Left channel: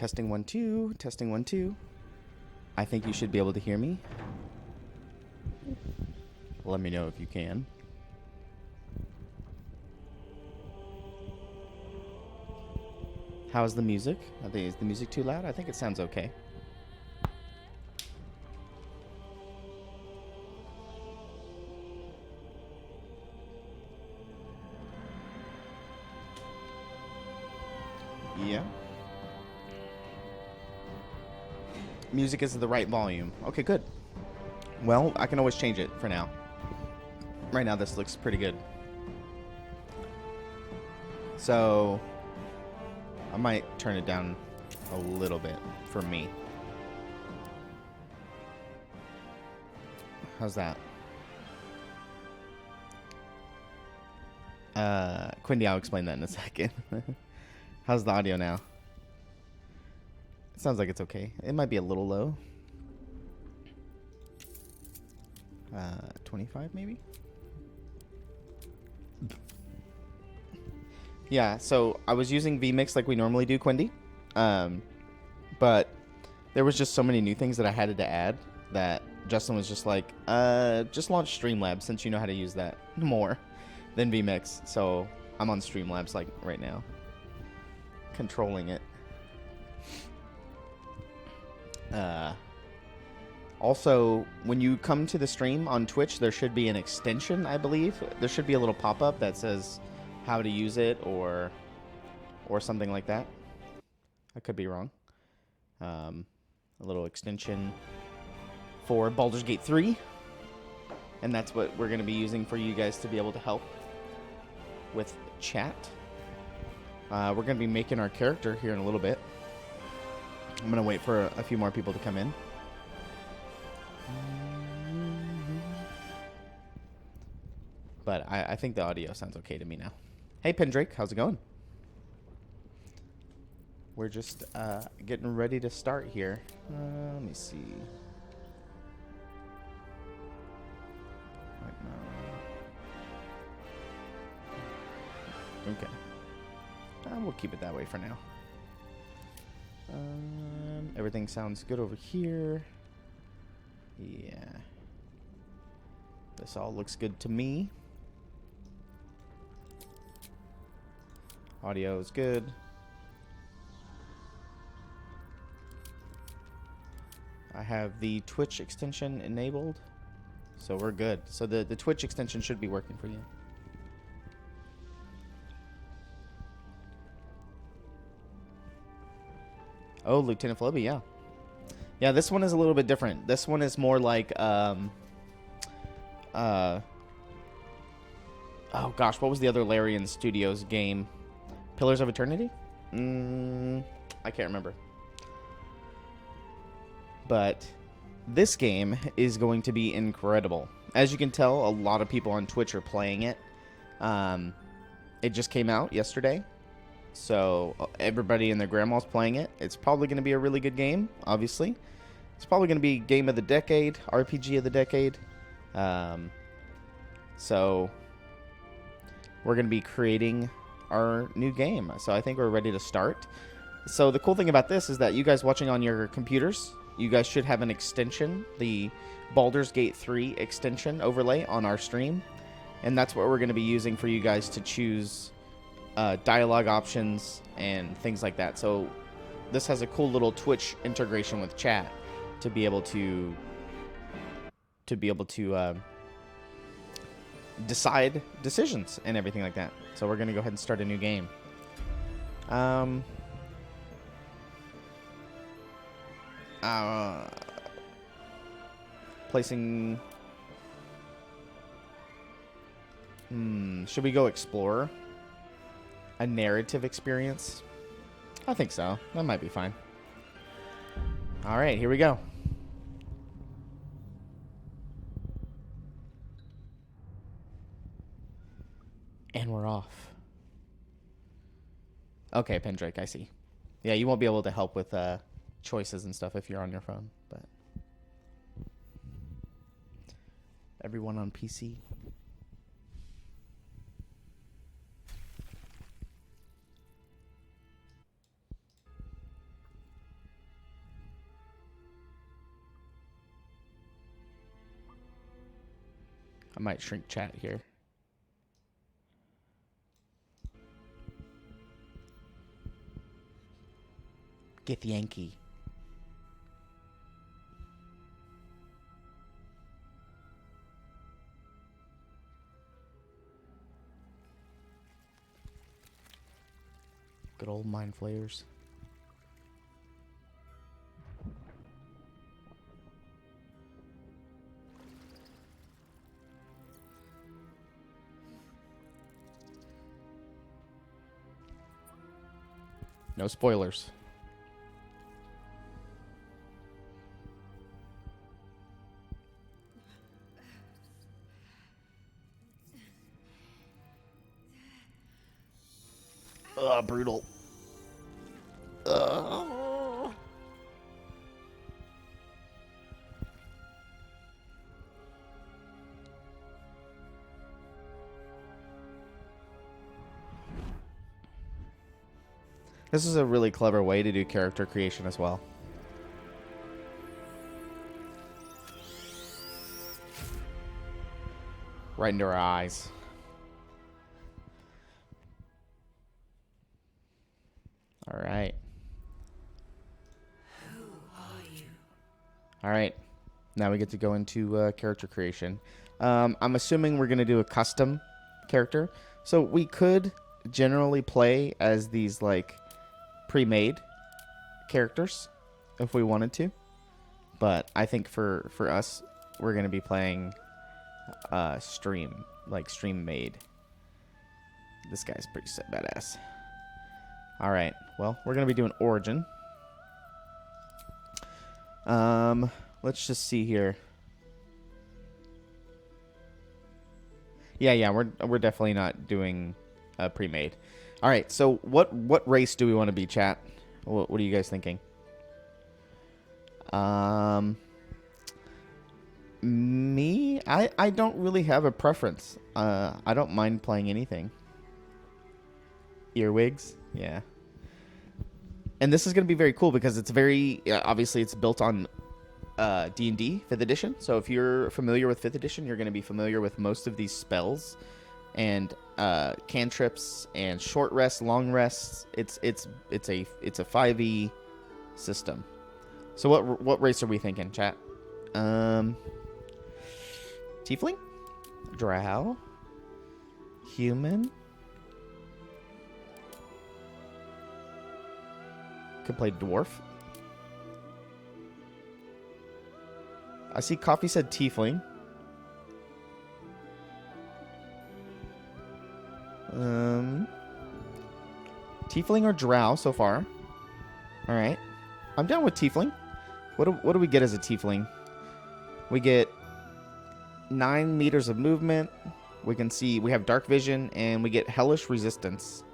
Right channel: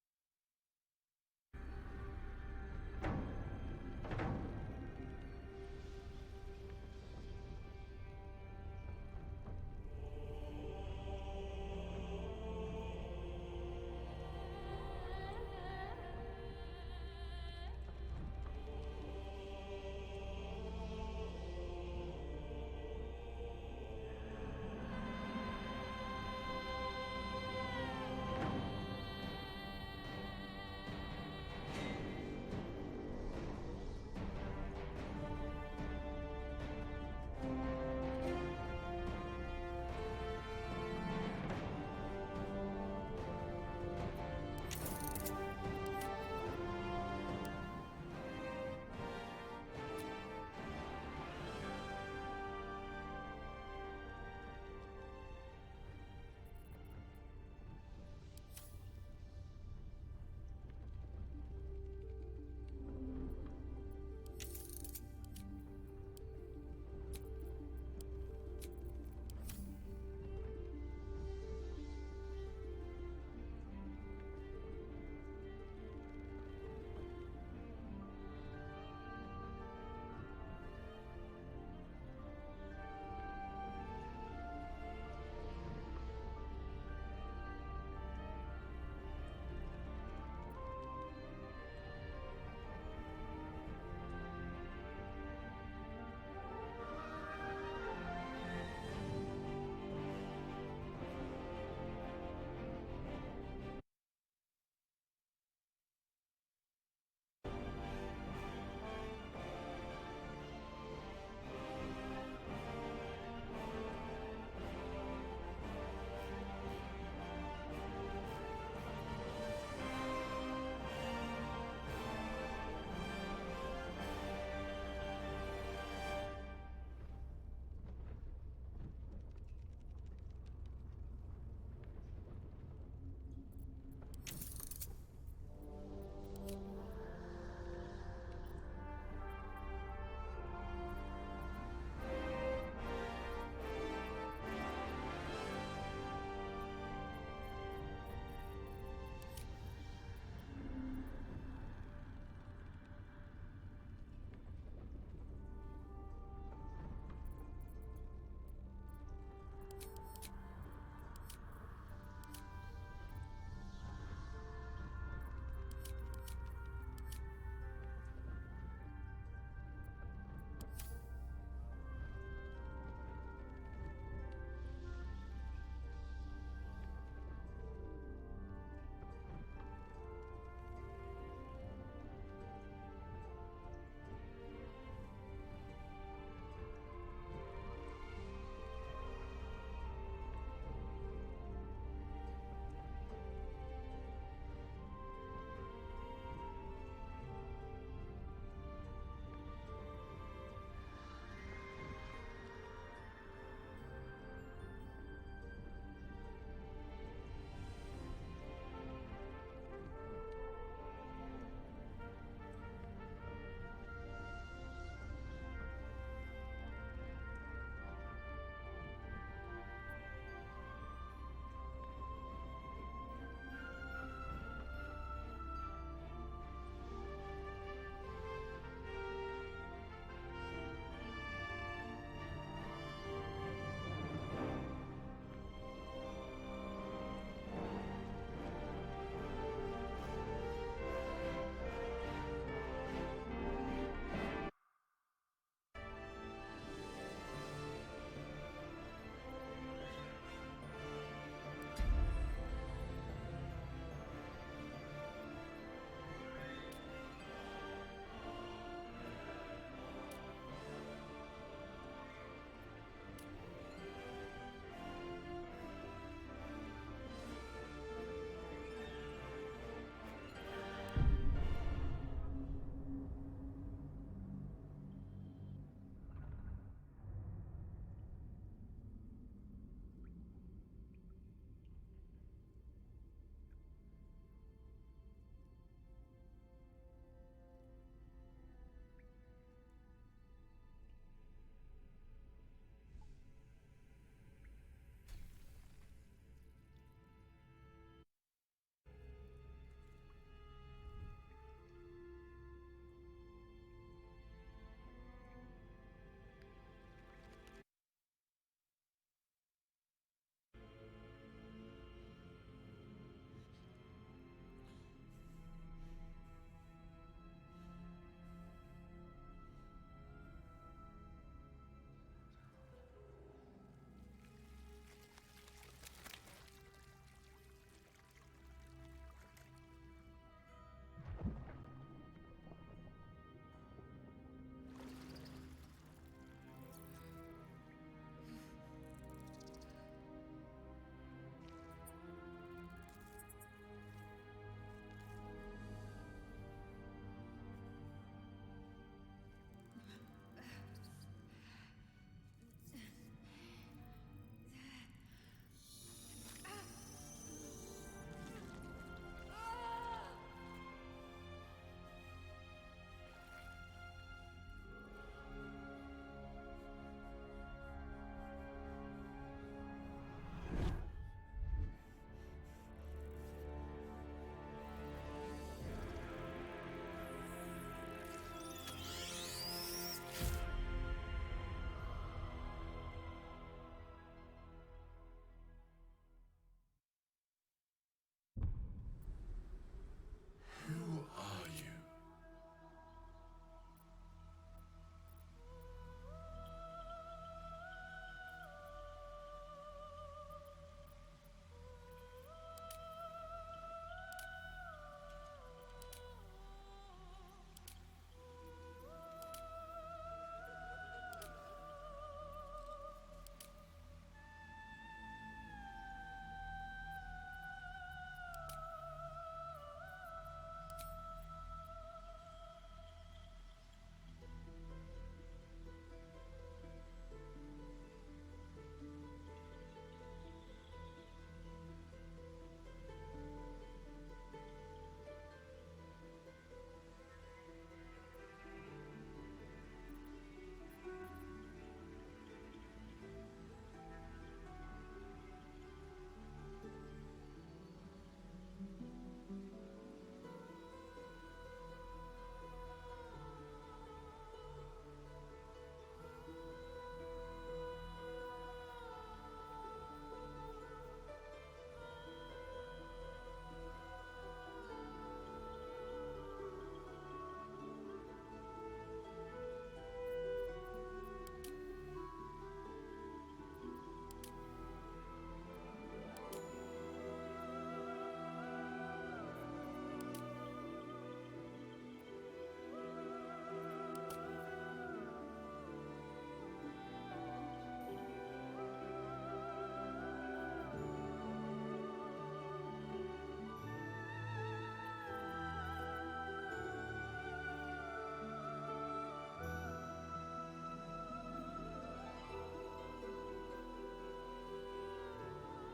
Testing 1 2. Testing 1 2. I think you should be able to hear me. Let me know if you can. How's the music? Is the music too loud? I think it sounds okay. Yeah. Music is the right volume. Okay, good. Well, I can always change it for now. Right now, this looks pretty good. So, I might turn it down a little bit for me. How's that? Quindy, I'll explain that in a second. How's the audio now? It sounds like it's okay. It might be a little low. 25 maybe? Yeah, so I was using vMix like we normally do, Quindy. But there was just so many new things that I had to add that Justin was just like, just launch Streamlabs since you know how to use that more than vMix. So I'm on Streamlabs like right now, controlling it. Also, when you come to the stream on Twitch, there should be an extension, I believe. There should be a little pop-up that says how to use it or something like that. I could be wrong. A little extension for Baldur's Gate 3. And that's what we're going to be using for you guys to be able to help with chat. We're going to be making our character here in a little bit. I'm going to wait for a few more people to come in. But I think the audio sounds okay to me now. Hey, Pendrake, how's it going? We're just getting ready to start here. Let me see. Okay. We'll keep it that way for now. Everything sounds good over here. Yeah. This all looks good to me. Audio is good. I have the Twitch extension enabled, so we're good. So the Twitch extension should be working for you. Oh, Lieutenant Floby, yeah. Yeah, this one is a little bit different. This one is more like, oh gosh, what was the other Larian Studios game? Pillars of Eternity? I can't remember. But this game is going to be incredible. As you can tell, a lot of people on Twitch are playing it. It just came out yesterday. So everybody and their grandma's playing it. It's probably going to be a really good game, obviously. It's probably going to be game of the decade, RPG of the decade. So we're going to be creating our new game. So I think we're ready to start. So the cool thing about this is that you guys watching on your computers, you guys should have an extension, the Baldur's Gate 3 extension overlay on our stream. And that's what we're going to be using for you guys to choose dialogue options and things like that. So this has a cool little Twitch integration with chat to be able to decide decisions and everything like that. So we're going to go ahead and start a new game. Placing... should we go Explorer? A narrative experience? I think so. That might be fine. Alright, here we go. And we're off. Okay, Pendrake, I see. Yeah, you won't be able to help with choices and stuff if you're on your phone, but everyone on PC. I might shrink chat here. Get Yankee. Good old mind flayers. No spoilers. Ugh, brutal. Ugh. This is a really clever way to do character creation as well. Right into our eyes. All right. Who are you? All right. Now we get to go into character creation. I'm assuming we're going to do a custom character. So we could generally play as these, like, pre-made characters if we wanted to. But I think for us, we're going to be playing stream made. This guy's pretty badass. All right. Well, we're going to be doing origin. Let's just see here. Yeah, we're definitely not doing pre-made. All right. So what race do we want to be, chat? What are you guys thinking? Me, I don't really have a preference. I don't mind playing anything. Earwigs, yeah. And this is going to be very cool because it's very obviously it's built on D&D 5th edition. So if you're familiar with 5th edition, you're going to be familiar with most of these spells and cantrips and short rests, long rests. It's a 5e system. So what race are we thinking, chat? Tiefling? Drow? Human? Could play dwarf. I see Coffee said tiefling. Tiefling or drow so far. All right. I'm down with tiefling. What do we get as a tiefling? We get 9 meters of movement. We can see we have dark vision and we get hellish resistance.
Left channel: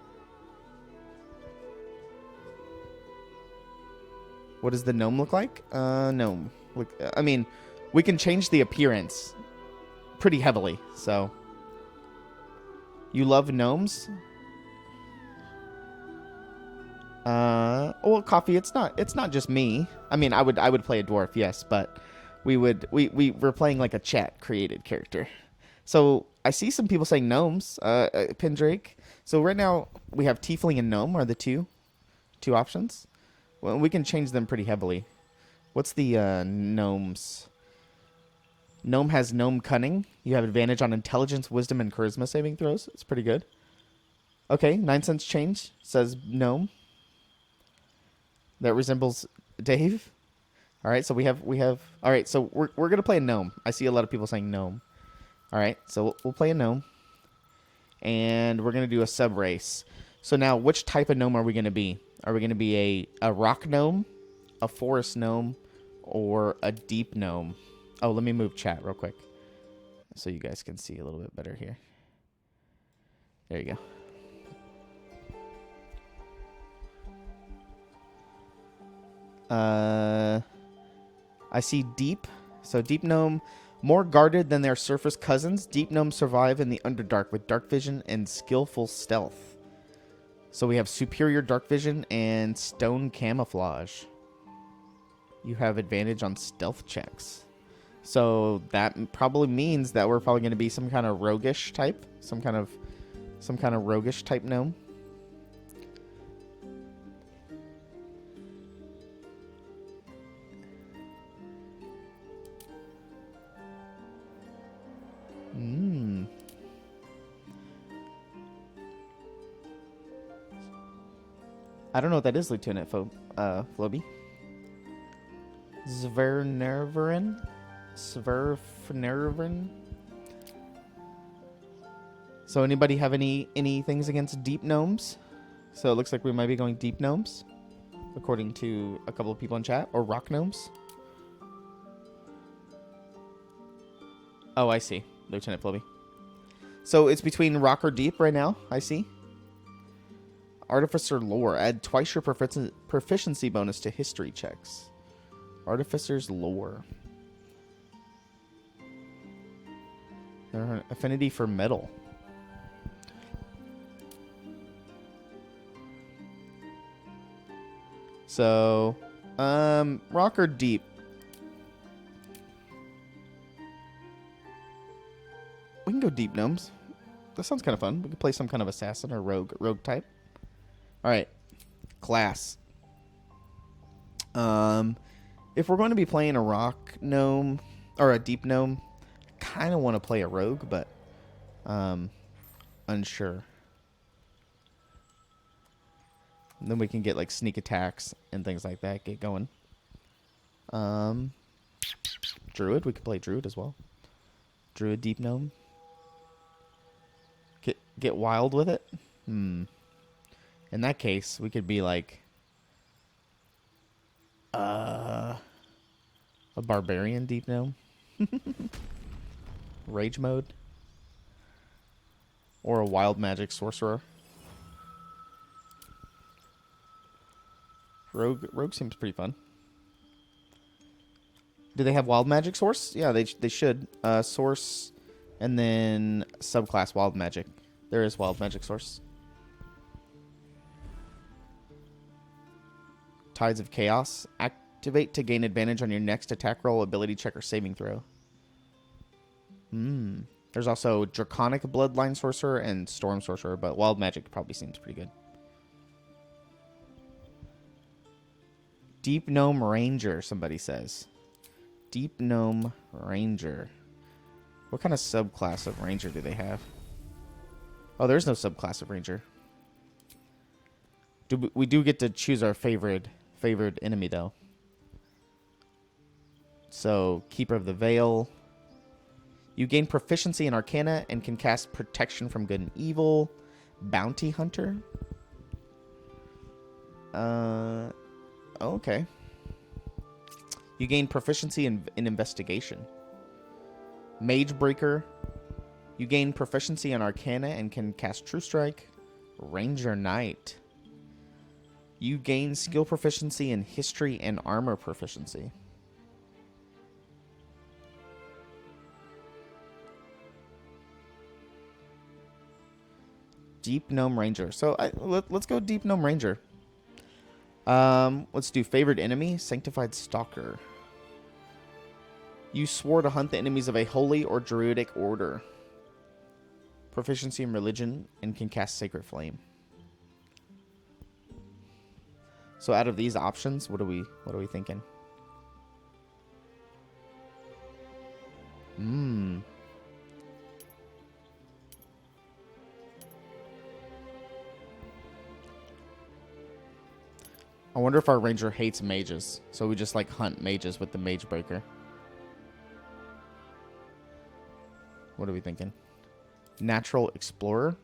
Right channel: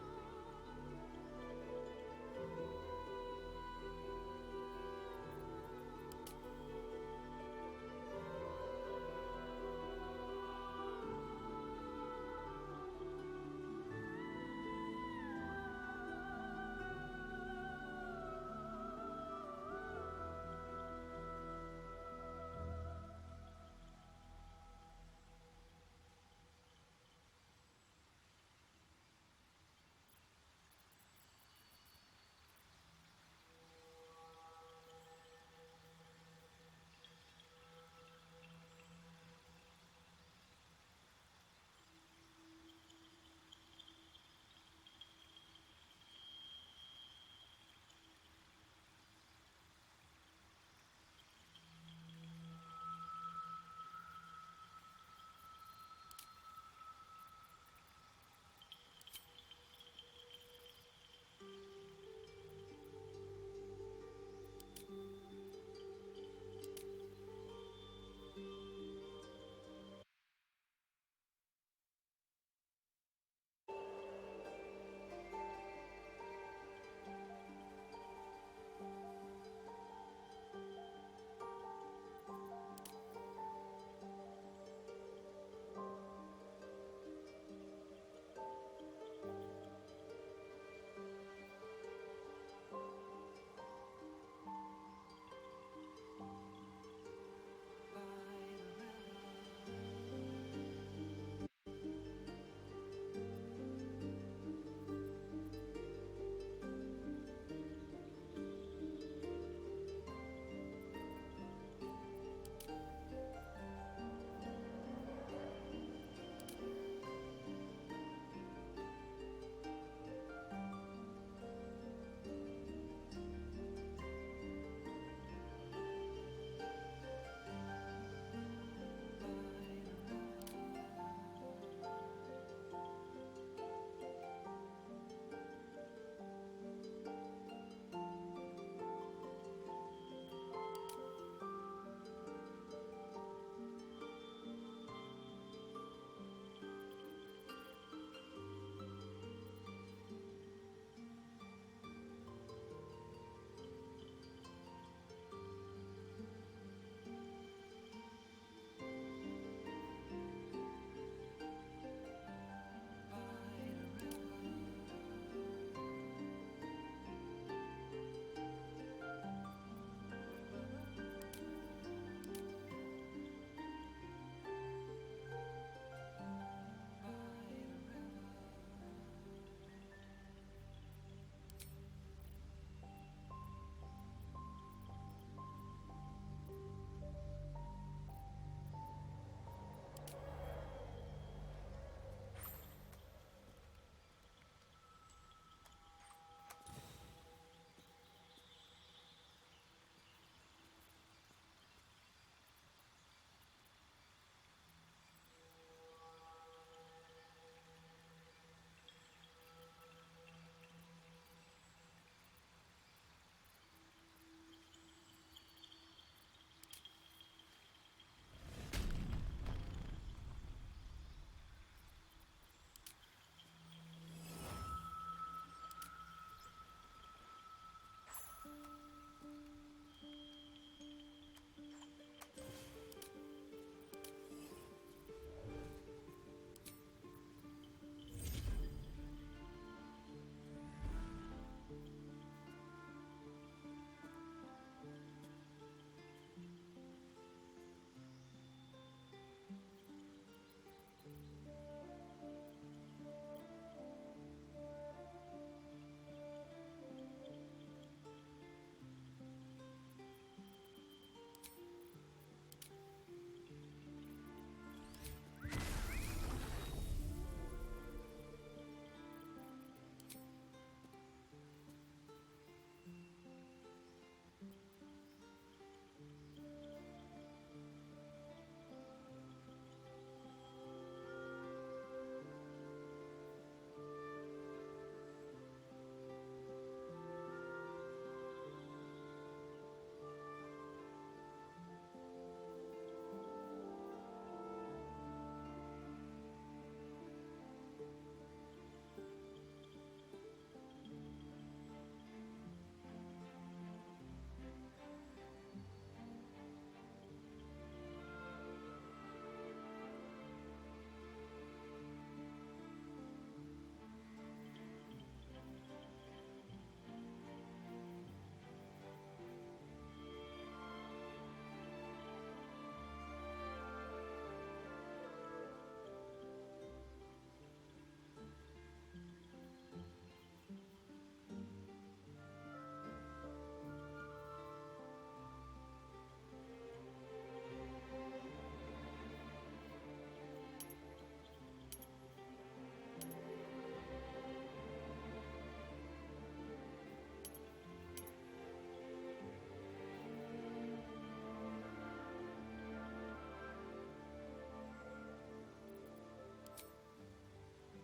What does the gnome look like? Gnome. I mean, we can change the appearance pretty heavily. So, you love gnomes? Well, Coffee. It's not just me. I mean, I would play a dwarf, yes, but we're playing like a chat created character. So I see some people saying gnomes. Pindrake. So right now we have tiefling and gnome are the two options. Well, we can change them pretty heavily. What's the gnomes? Gnome has gnome cunning. You have advantage on intelligence, wisdom, and charisma saving throws. It's pretty good. Okay, 9 cents change says gnome. That resembles Dave. All right, so we have. All right, so we're gonna play a gnome. I see a lot of people saying gnome. All right, so we'll play a gnome, and we're gonna do a sub race. So now, which type of gnome are we gonna be? Are we gonna be a rock gnome, a forest gnome, or a deep gnome? Oh, let me move chat real quick, so you guys can see a little bit better here. There you go. I see deep. So deep gnome, more guarded than their surface cousins. Deep gnomes survive in the Underdark with dark vision and skillful stealth. So we have superior dark vision and stone camouflage. You have advantage on stealth checks. So that probably means that we're probably going to be some kind of roguish type, some kind of roguish type gnome. I don't know what that is, Lieutenant Floby. Svernerveren? Sverfnerveren? So anybody have any things against deep gnomes? So it looks like we might be going deep gnomes, according to a couple of people in chat, or rock gnomes. Oh, I see, Lieutenant Floby. So it's between rock or deep right now, I see. Artificer lore. Add twice your proficiency bonus to history checks. Artificer's lore. Affinity for metal. So, rock or deep? We can go deep gnomes. That sounds kind of fun. We could play some kind of assassin or rogue type. All right, class. If we're going to be playing a rock gnome or a deep gnome, kind of want to play a rogue, but unsure. And then we can get like sneak attacks and things like that. Get going. Druid. We could play druid as well. Druid deep gnome. Get wild with it. In that case, we could be like a barbarian deep gnome. Rage mode. Or a wild magic sorcerer. Rogue seems pretty fun. Do they have wild magic source? Yeah, they should. Source and then subclass wild magic. There is wild magic source. Tides of Chaos. Activate to gain advantage on your next attack roll, ability check, or saving throw. There's also Draconic Bloodline Sorcerer and Storm Sorcerer, but wild magic probably seems pretty good. Deep Gnome Ranger, somebody says. Deep Gnome Ranger. What kind of subclass of Ranger do they have? Oh, there's no subclass of Ranger. We do get to choose our favored enemy, though. So, Keeper of the Veil. You gain proficiency in Arcana and can cast Protection from Good and Evil. Bounty Hunter. Okay. You gain proficiency in Investigation. Mage Breaker. You gain proficiency in Arcana and can cast True Strike. Ranger Knight. You gain skill proficiency in History and Armor proficiency. Deep Gnome Ranger. So let's go Deep Gnome Ranger. Let's do Favored Enemy, Sanctified Stalker. You swore to hunt the enemies of a holy or druidic order. Proficiency in Religion and can cast Sacred Flame. So out of these options, what are we thinking? I wonder if our ranger hates mages, so we just like hunt mages with the Mage Breaker. What are we thinking? Natural Explorer.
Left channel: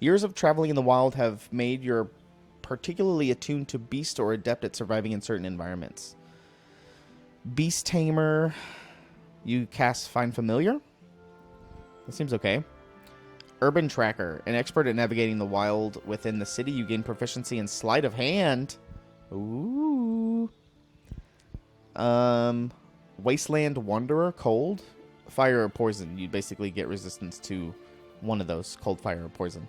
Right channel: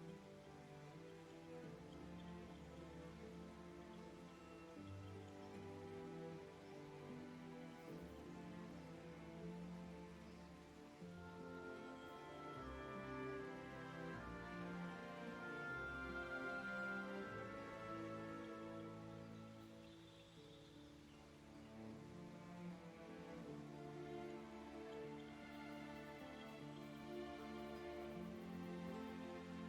Years of traveling in the wild have made you particularly attuned to beast or adept at surviving in certain environments. Beast Tamer. You cast Find Familiar. That seems okay. Urban Tracker. An expert at navigating the wild within the city. You gain proficiency in Sleight of Hand. Ooh. Wasteland Wanderer. Cold. Fire or Poison. You basically get resistance to one of those. Cold, fire, or poison.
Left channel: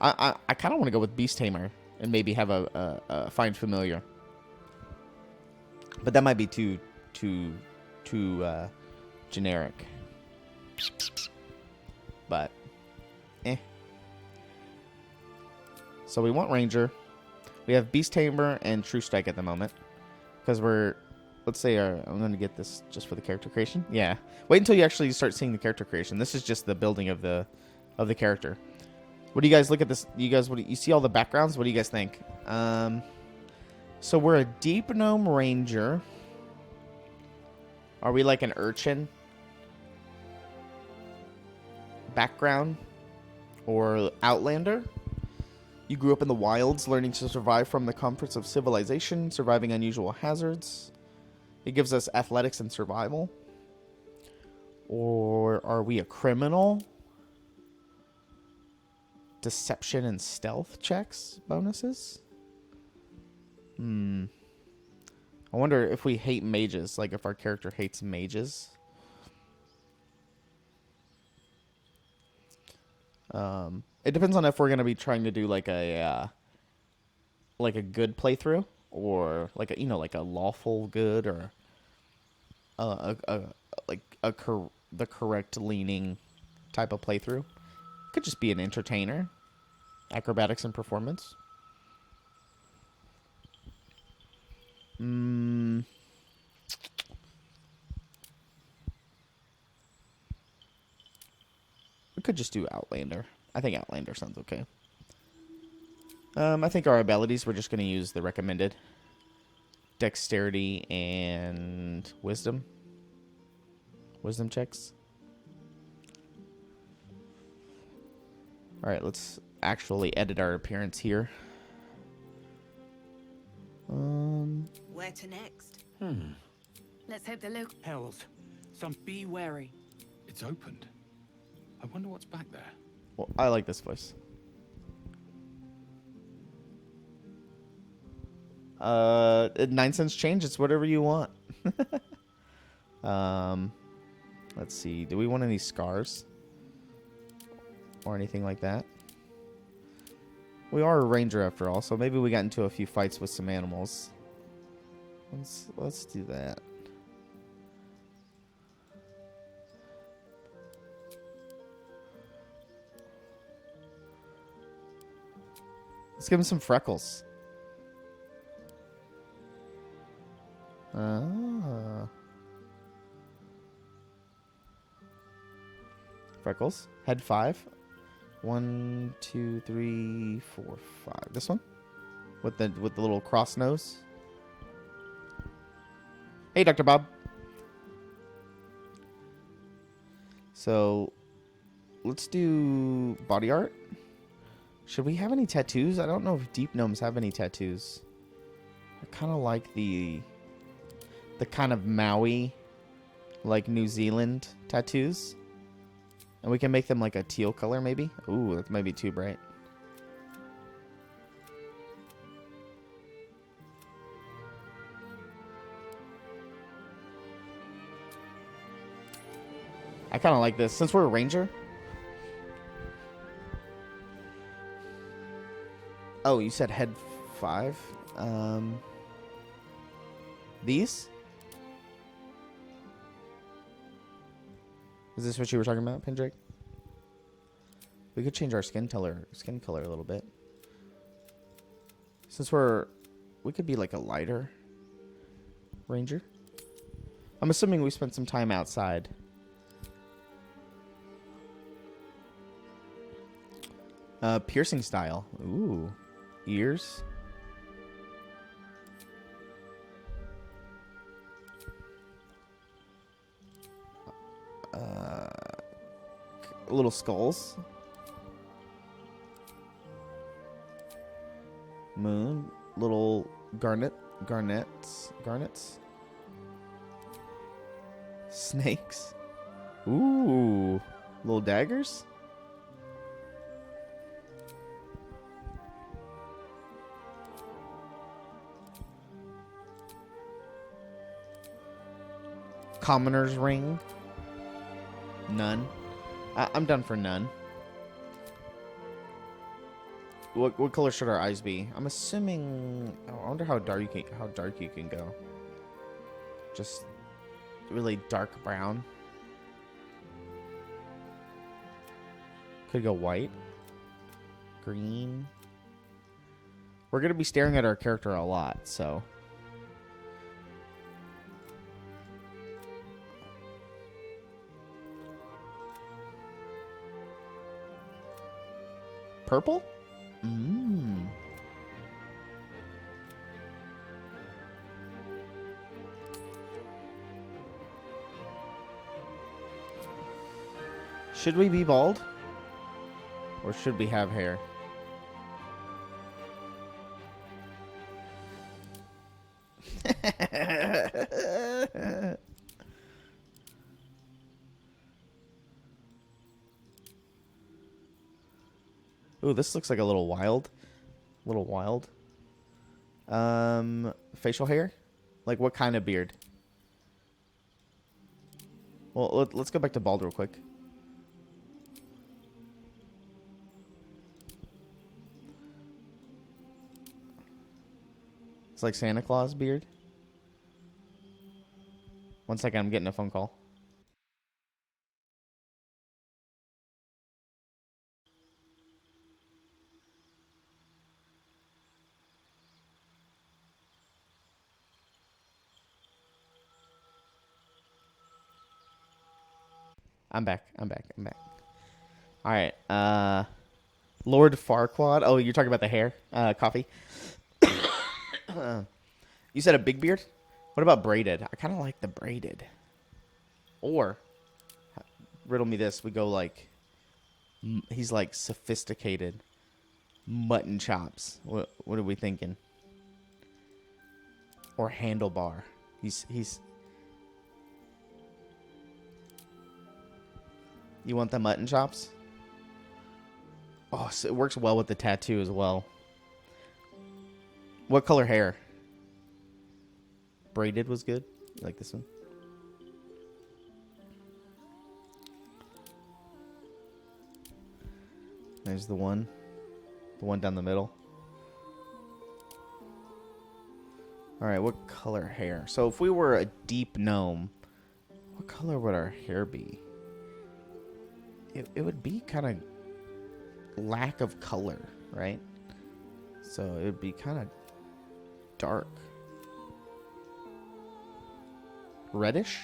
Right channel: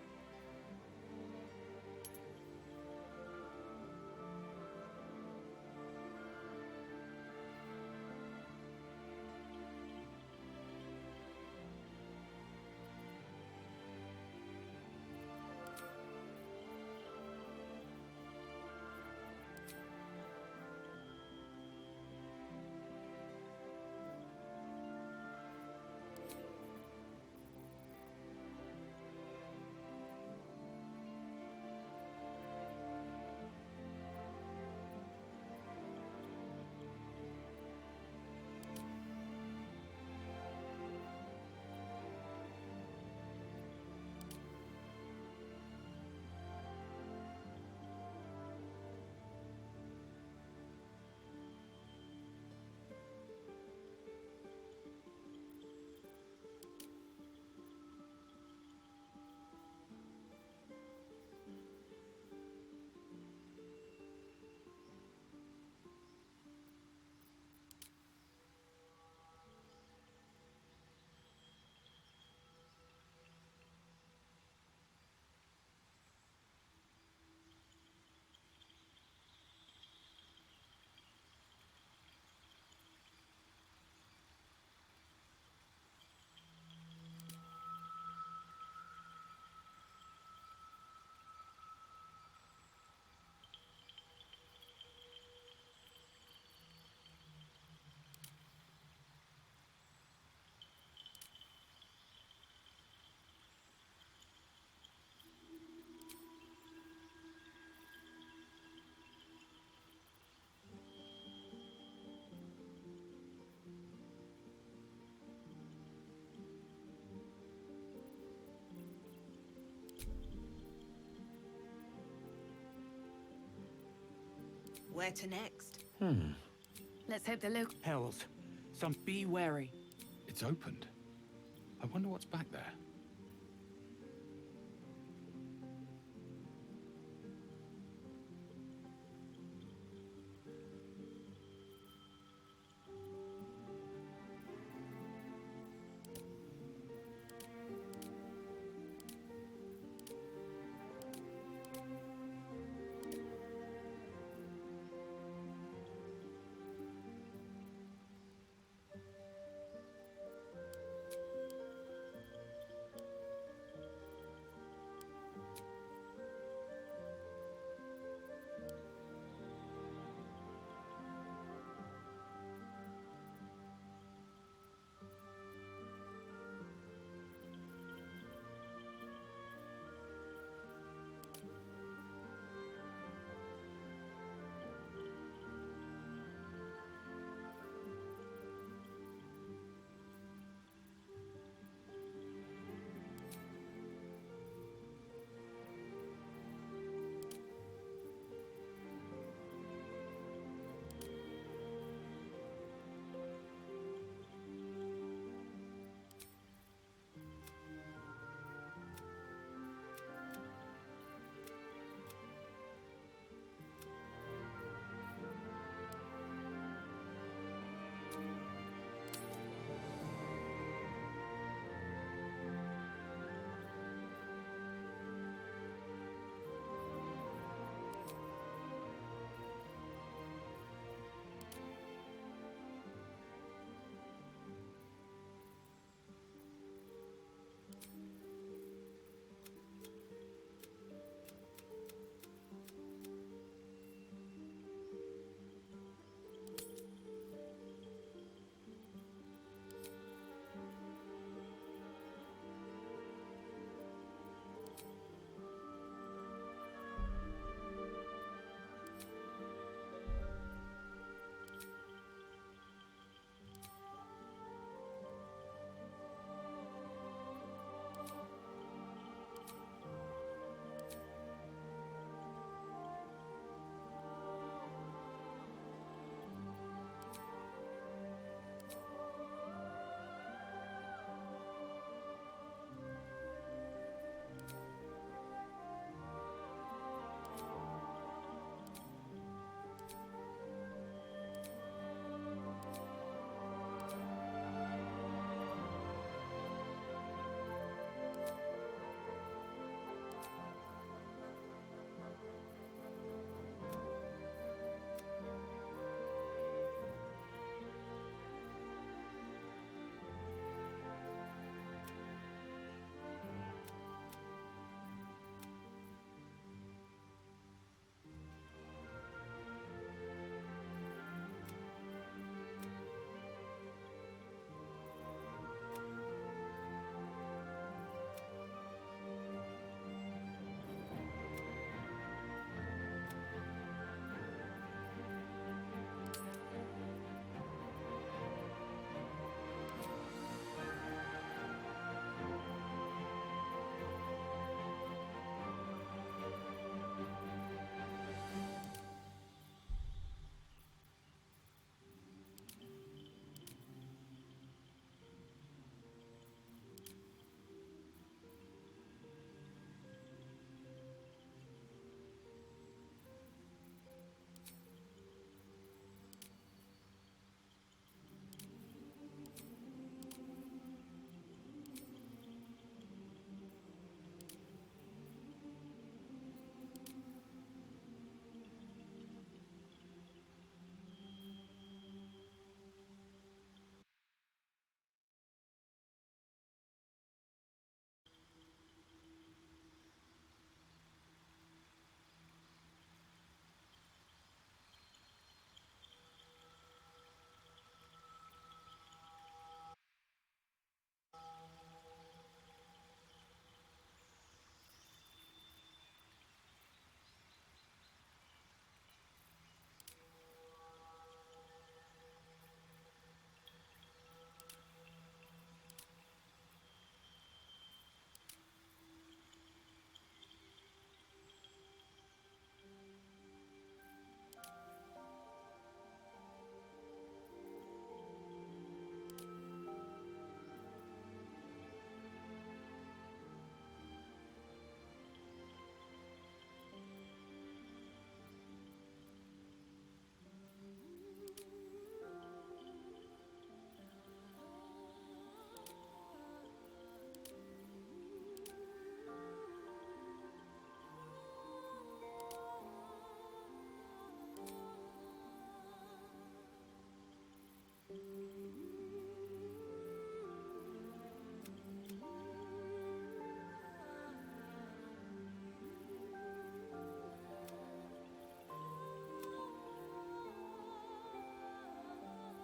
I kind of want to go with Beast Tamer and maybe have a Find Familiar. But that might be too generic. But, eh. So we want Ranger. We have Beast Tamer and True Strike at the moment. Because we're, let's say, I'm going to get this just for the character creation. Yeah. Wait until you actually start seeing the character creation. This is just the building of the character. What do you guys look at this? You guys, you see all the backgrounds? What do you guys think? So we're a Deep Gnome Ranger. Are we like an urchin? Background? Or Outlander? You grew up in the wilds, learning to survive from the comforts of civilization, surviving unusual hazards. It gives us athletics and survival. Or are we a criminal? Deception and stealth checks bonuses? I wonder if we hate mages, like if our character hates mages. It depends on if we're gonna be trying to do like a good playthrough, or like a, like a lawful good, or the correct leaning type of playthrough. Could just be an entertainer, acrobatics and performance. We could just do Outlander. I think Outlander sounds okay. I think our abilities, we're just going to use the recommended. Dexterity and wisdom. Wisdom checks. Alright, let's actually edit our appearance here. Where to next? Let's hope the local Hells. Be wary. It's opened. I wonder what's back there. Well, I like this voice. 9 cents change. It's whatever you want. Let's see. Do we want any scars? Or anything like that? We are a ranger after all, so maybe we got into a few fights with some animals. Let's do that. Let's give him some freckles. Freckles. Head 5. 1, 2, 3, 4, 5. This one? With the little cross nose. Hey, Dr. Bob. So, let's do body art. Should we have any tattoos? I don't know if deep gnomes have any tattoos. I kind of like the kind of Maui, like New Zealand tattoos. And we can make them like a teal color, maybe. Ooh, that might be too bright. I kind of like this. Since we're a ranger. Oh, you said head 5? These? Is this what you were talking about, Pendrake? We could change our skin color a little bit. Since we could be like a lighter ranger. I'm assuming we spent some time outside. Piercing style. Ooh. Ears. Little skulls. Moon. Little garnets. Snakes. Ooh. Little daggers. Commoner's ring. None. I'm done for none. What color should our eyes be? I'm assuming. I wonder how dark you can go. Just really dark brown. Could go white. Green. We're going to be staring at our character a lot, so. Purple? Mmm. Should we be bald? Or should we have hair? Ooh, this looks like a little wild. A little wild. Facial hair? Like what kind of beard? Well, let's go back to bald real quick. It's like Santa Claus beard. One second, I'm getting a phone call. I'm back. All right. Lord Farquaad. Oh, you're talking about the hair? Coffee. You said a big beard? What about braided? I kind of like the braided. Or, riddle me this. We go like, he's like sophisticated mutton chops. What are we thinking? Or handlebar. He's. You want the mutton chops? Oh, so it works well with the tattoo as well. What color hair? Braided was good. You like this one? There's the one. The one down the middle. Alright, what color hair? So if we were a deep gnome, what color would our hair be? It would be kind of lack of color, right? So it would be kind of dark. Reddish?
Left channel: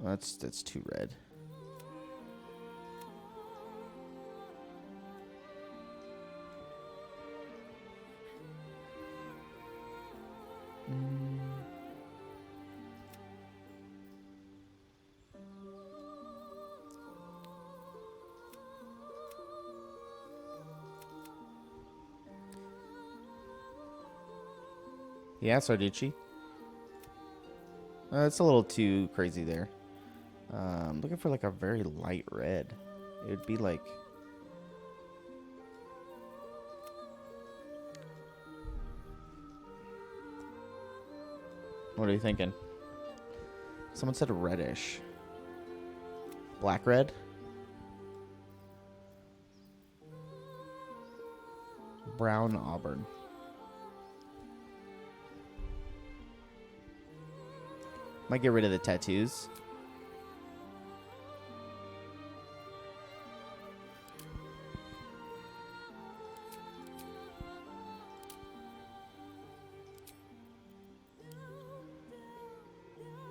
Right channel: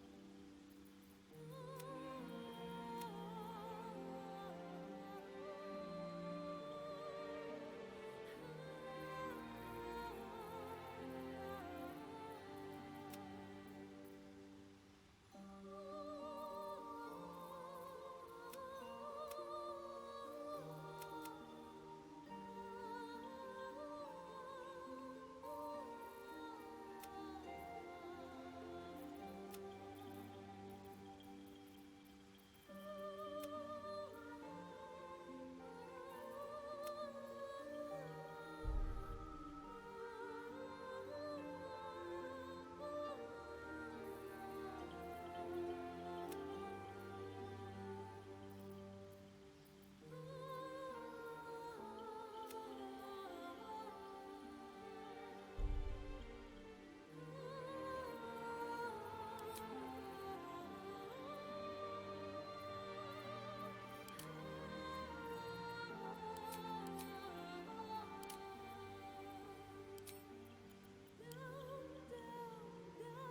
Well, that's too red. Yeah, Sarducci. It's a little too crazy there. Looking for like a very light red. It would be like... What are you thinking? Someone said reddish. Black red? Brown auburn. Might get rid of the tattoos.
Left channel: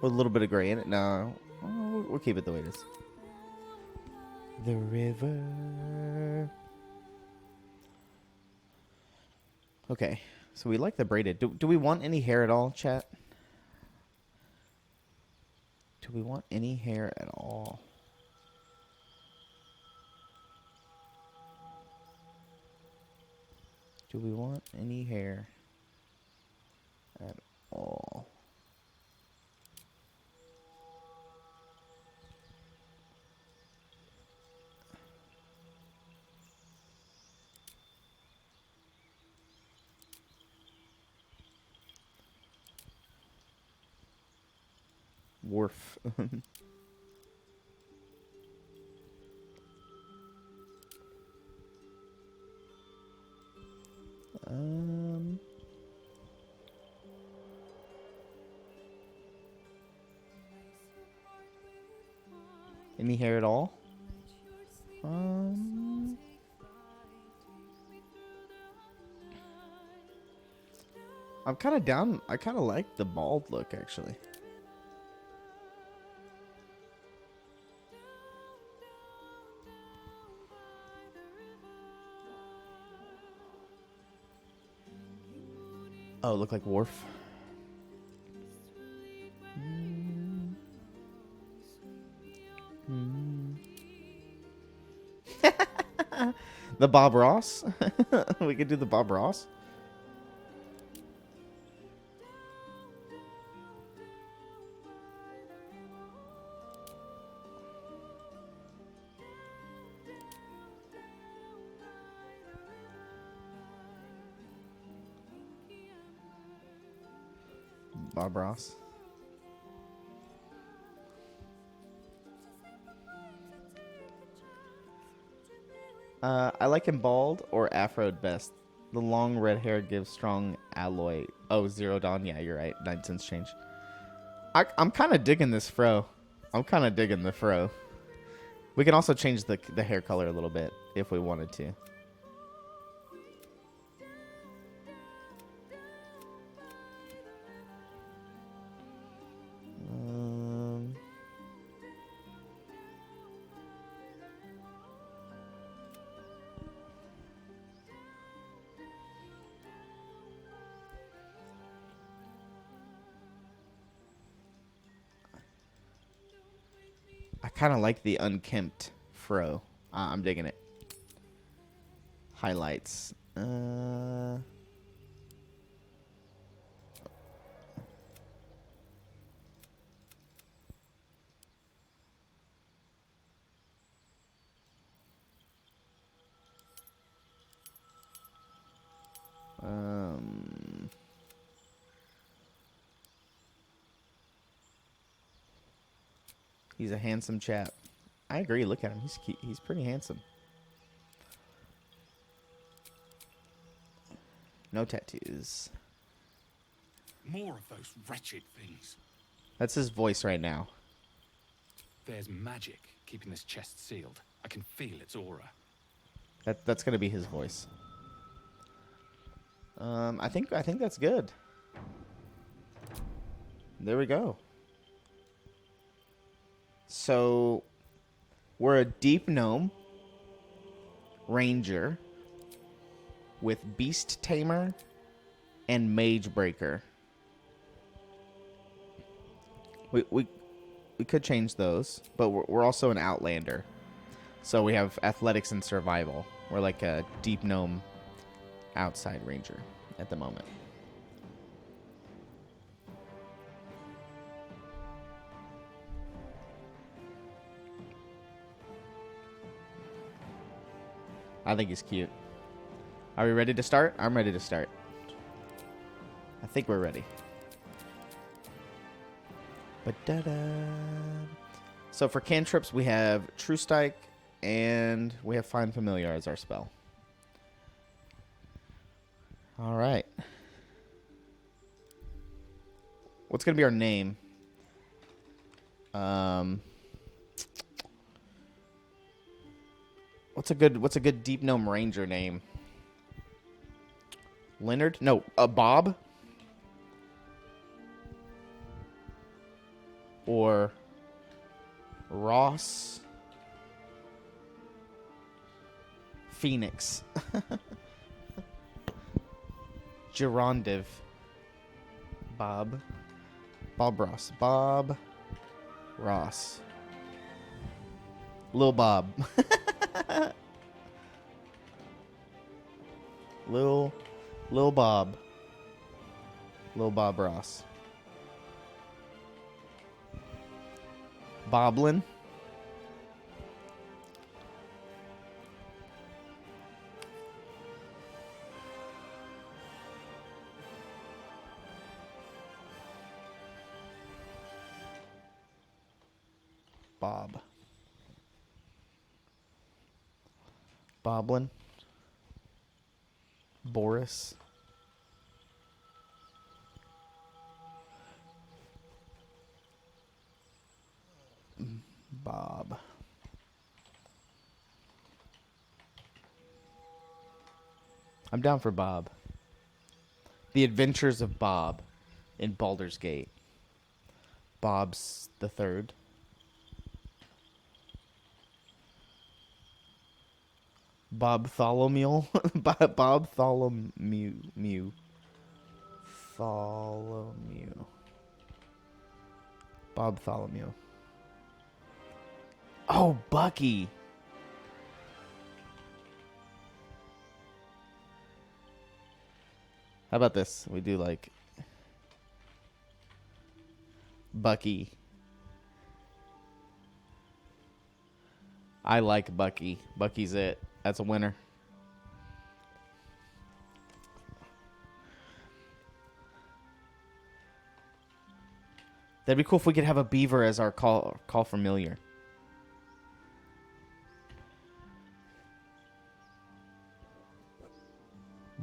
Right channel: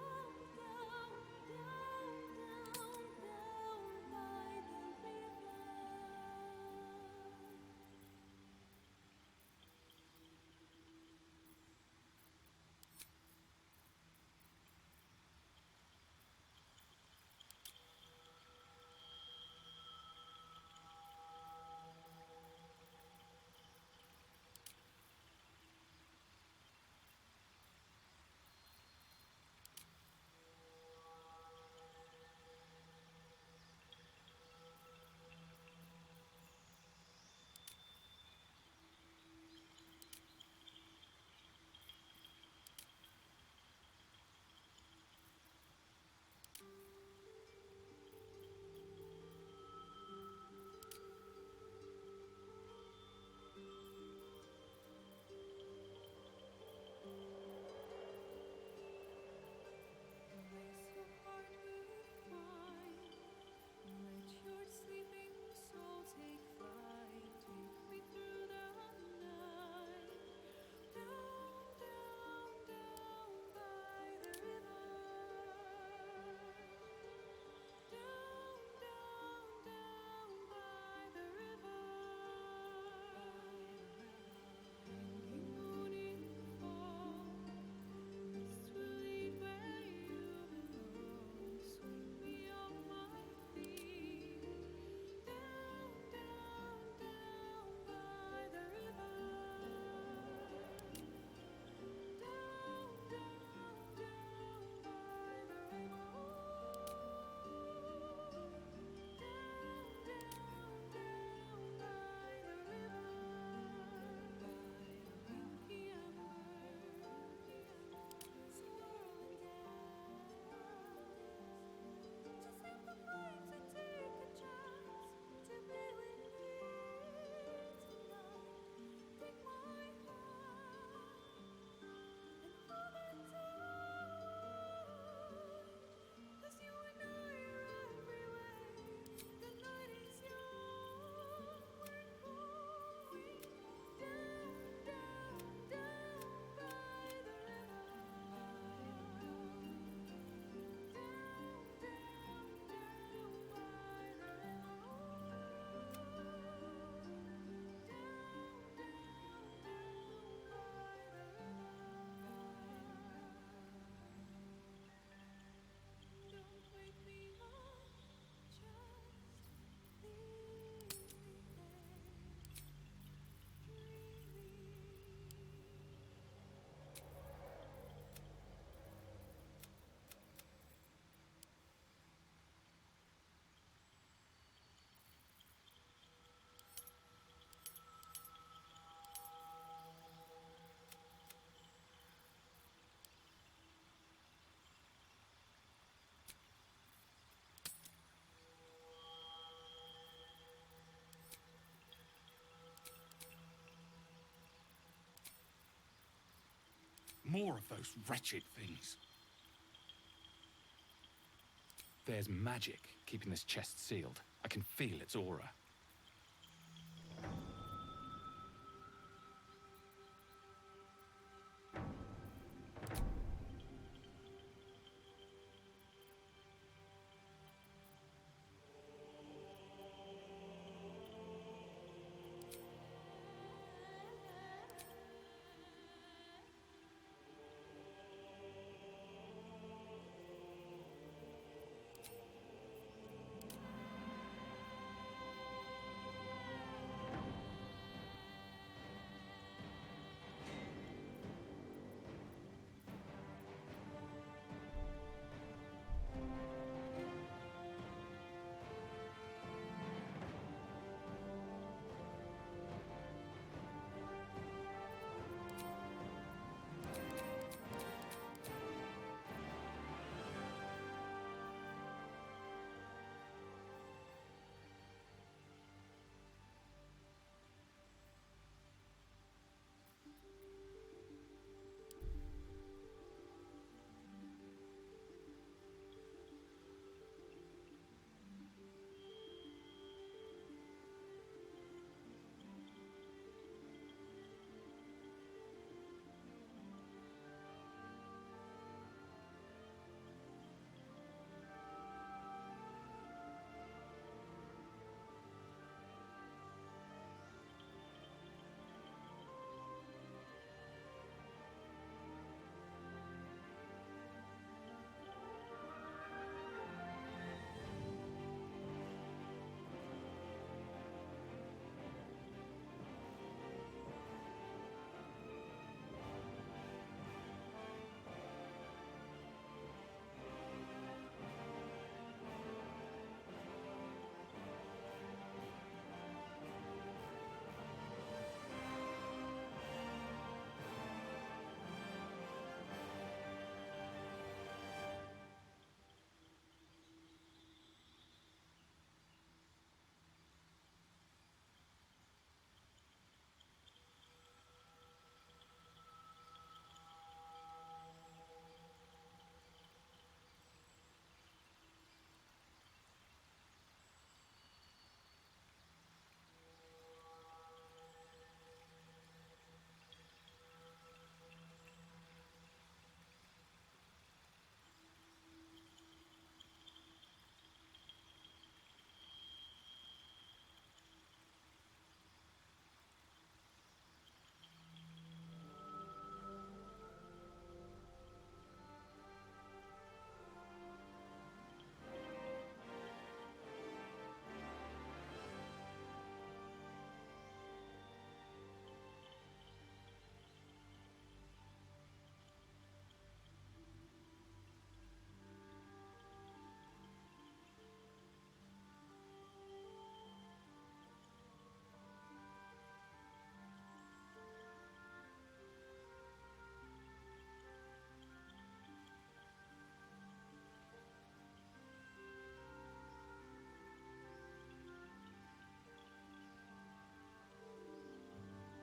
With a little bit of gray in it. No, we'll keep it the way it is. The river. Okay, so we like the braided. Do we want any hair at all, chat? Do we want any hair at all? Do we want any hair at all? Wharf. Any hair at all? Um, I'm kind of down. I kind of like the bald look, actually. Oh, look like Worf. The Bob Ross. We could do the Bob Ross. Bob Ross. I like him bald or afroed best. The long red hair gives strong alloy. Oh, Zero Dawn. Yeah, you're right. 9 cents change. I'm kind of digging this fro. I'm kind of digging the fro. We can also change the hair color a little bit if we wanted to. I kind of like the unkempt fro. I'm digging it. Highlights. He's a handsome chap. I agree. Look at him. He's cute. He's pretty handsome. No tattoos. More of those wretched things. That's his voice right now. There's magic keeping this chest sealed. I can feel its aura. That's gonna be his voice. I think that's good. There we go. So we're a deep gnome ranger with beast tamer and mage breaker. We could change those, but we're also an outlander. So we have athletics and survival. We're like a deep gnome outside ranger at the moment. I think he's cute. Are we ready to start? I'm ready to start. I think we're ready. Ba-da-da. So for cantrips, we have True Strike, and we have Find Familiar as our spell. All right. What's gonna be our name? What's a good deep gnome ranger name? Leonard? No, Bob? Or Ross? Phoenix? Gerondiv? Bob Ross. Bob Ross. Lil Bob. Lil Bob. Lil Bob Ross. Boblin. Bob. Boblin. Boris. Bob. I'm down for Bob. The Adventures of Bob in Baldur's Gate. Bob's the third. Bob Tholomew. Bob Tholomew. Bob Tholomew. Oh, Bucky. How about this? We do like Bucky. I like Bucky. Bucky's it. That's a winner. That'd be cool if we could have a beaver as our call familiar.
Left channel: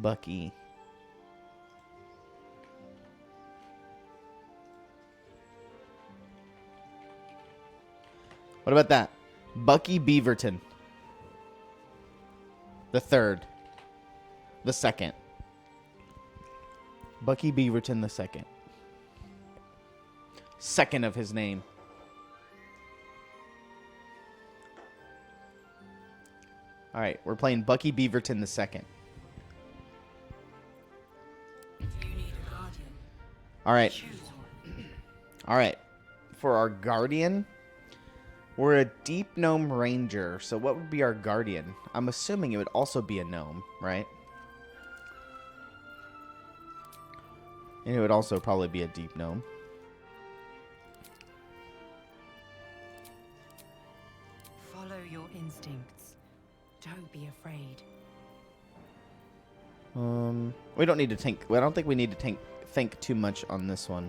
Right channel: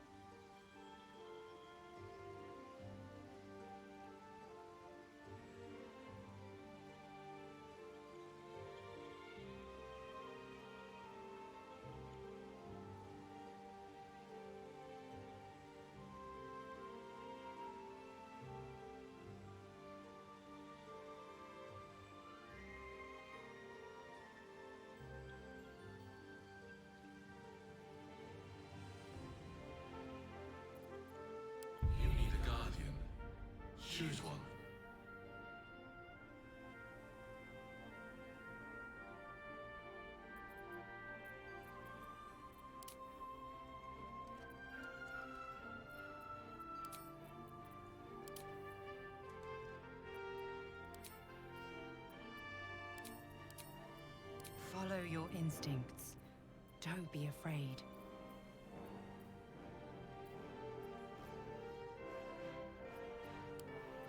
Bucky. What about that? Bucky Beaverton. The third. The second. Bucky Beaverton the second. Second of his name. All right, we're playing Bucky Beaverton the second. You need a guardian. All right. Choose one. All right. For our guardian, we're a deep gnome ranger. So what would be our guardian? I'm assuming it would also be a gnome, right? And it would also probably be a deep gnome. Follow your instincts. Don't be afraid. We don't need to think. I don't think we need to think too much on this one.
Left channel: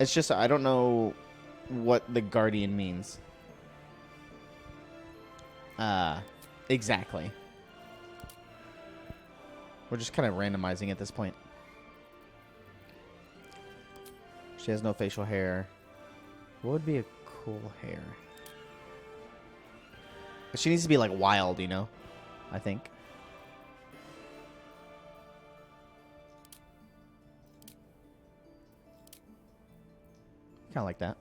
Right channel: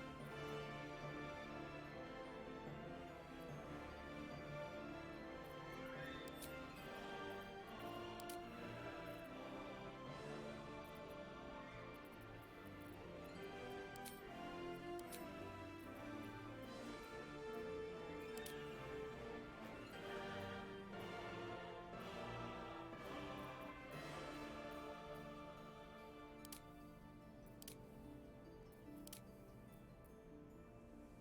It's just I don't know what the guardian means. Exactly. We're just kind of randomizing at this point. She has no facial hair. What would be a cool hair? But she needs to be like wild, you know? I think. Kind of like that.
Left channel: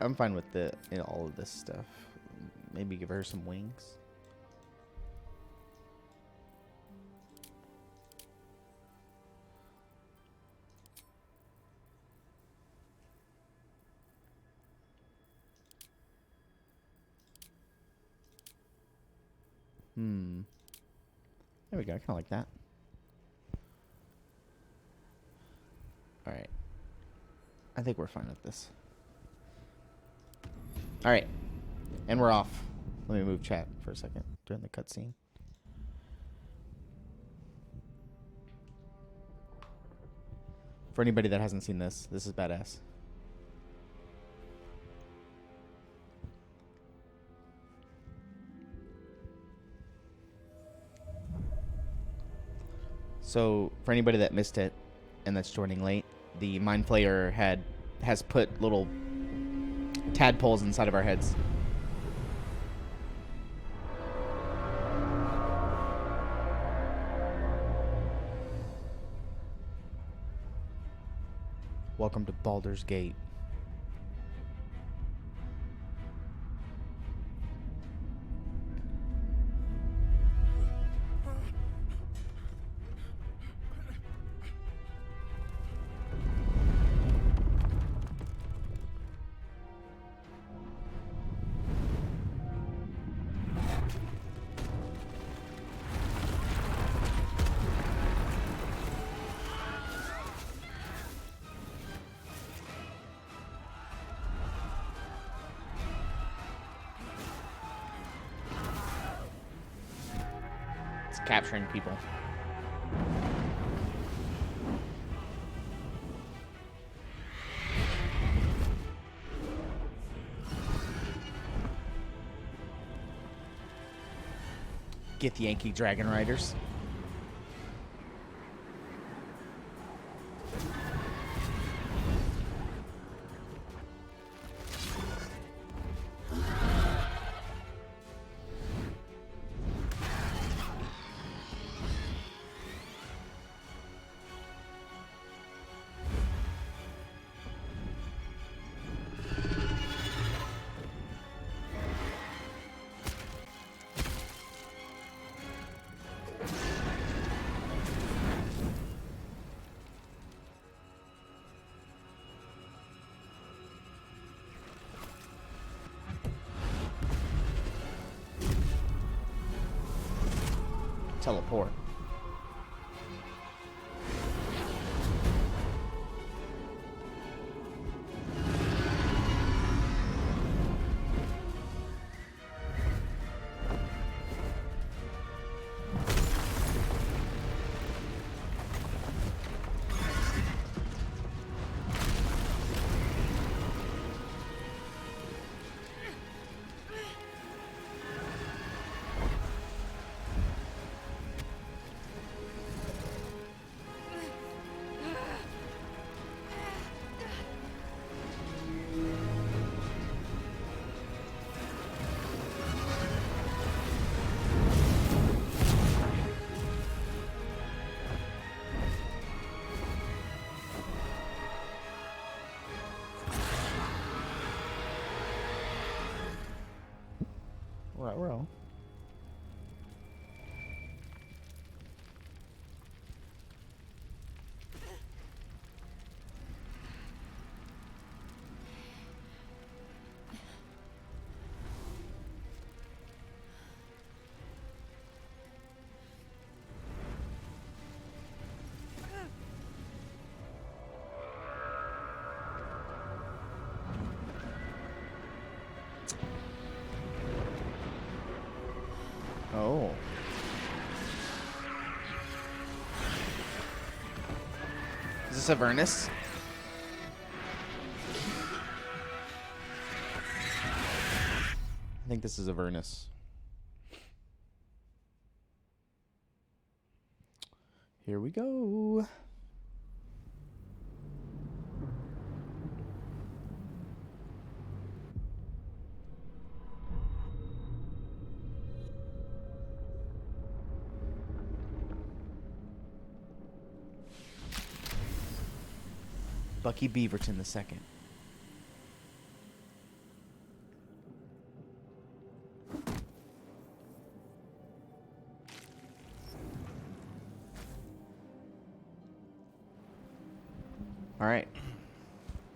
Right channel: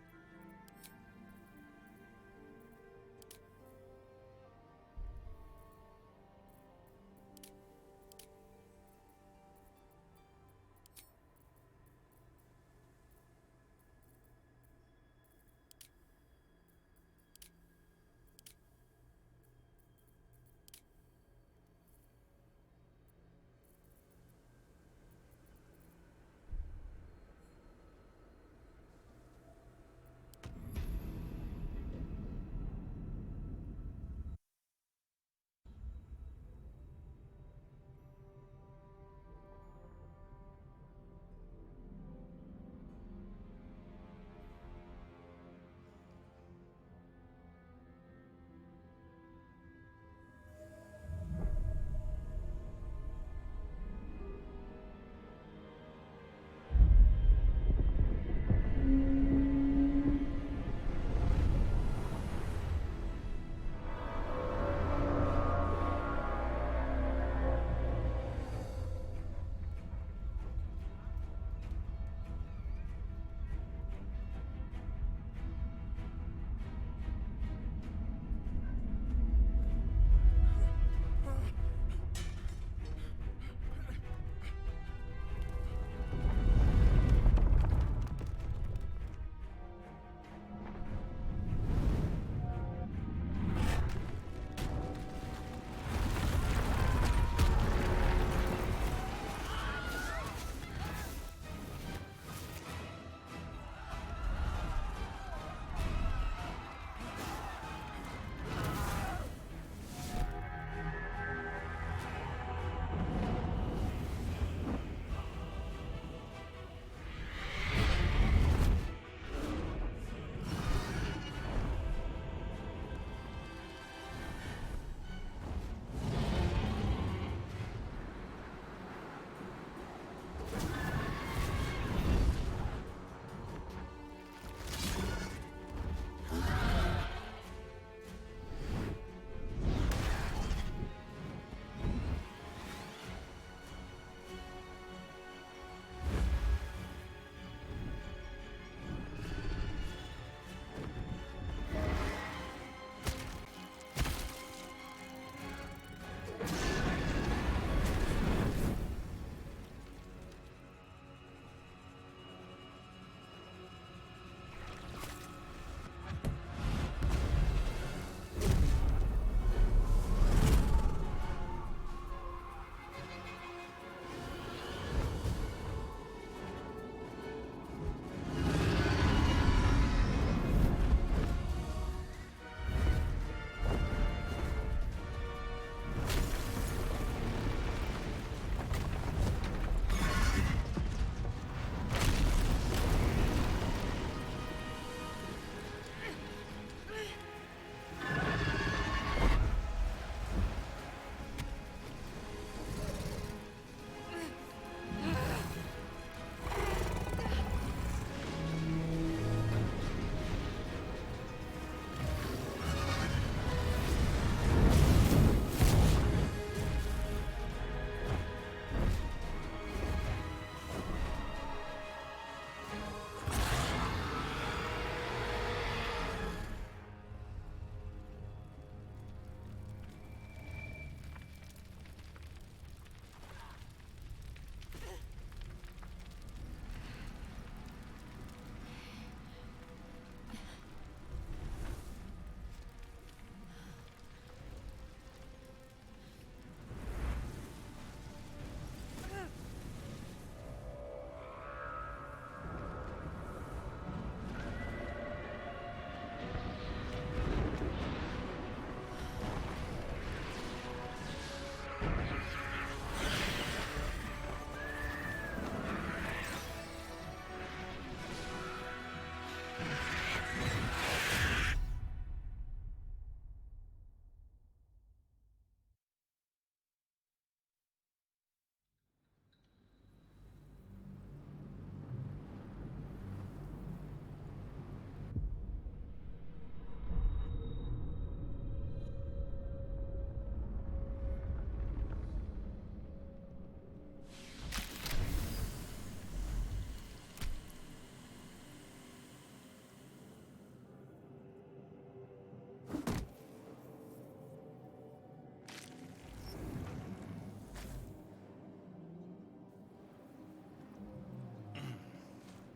I'm fine with all of this stuff. Maybe give her some wings. There we go. I kind of like that. All right. I think we're fine with this. All right. And we're off. Let me move chat for a second during the cutscene. For anybody that hasn't seen this, this is badass. So, for anybody that missed it and that's joining late, the Mind Flayer has put little tadpoles inside of our heads. Welcome to Baldur's Gate. Capturing people. Get the Yankee Dragon Riders. before. Row. Oh. Is this Avernus? I think this is Avernus. Here we go. Bucky Beaverton II. All right.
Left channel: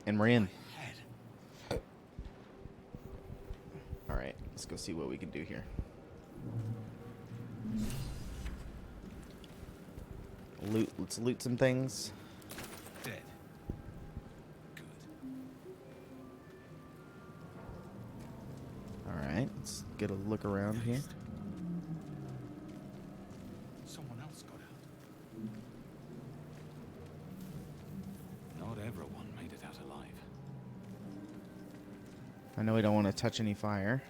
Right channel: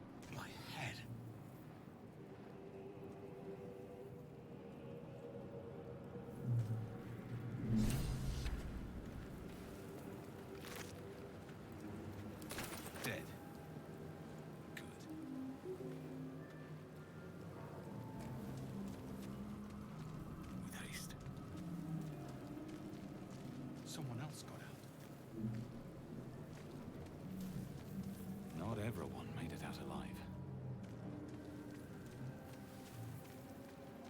And we're in. All right, let's go see what we can do here. Let's loot some things. Dead. Good. All right, let's get a look around here. Someone else got out. Not everyone made it out alive. I know we don't want to touch any fire.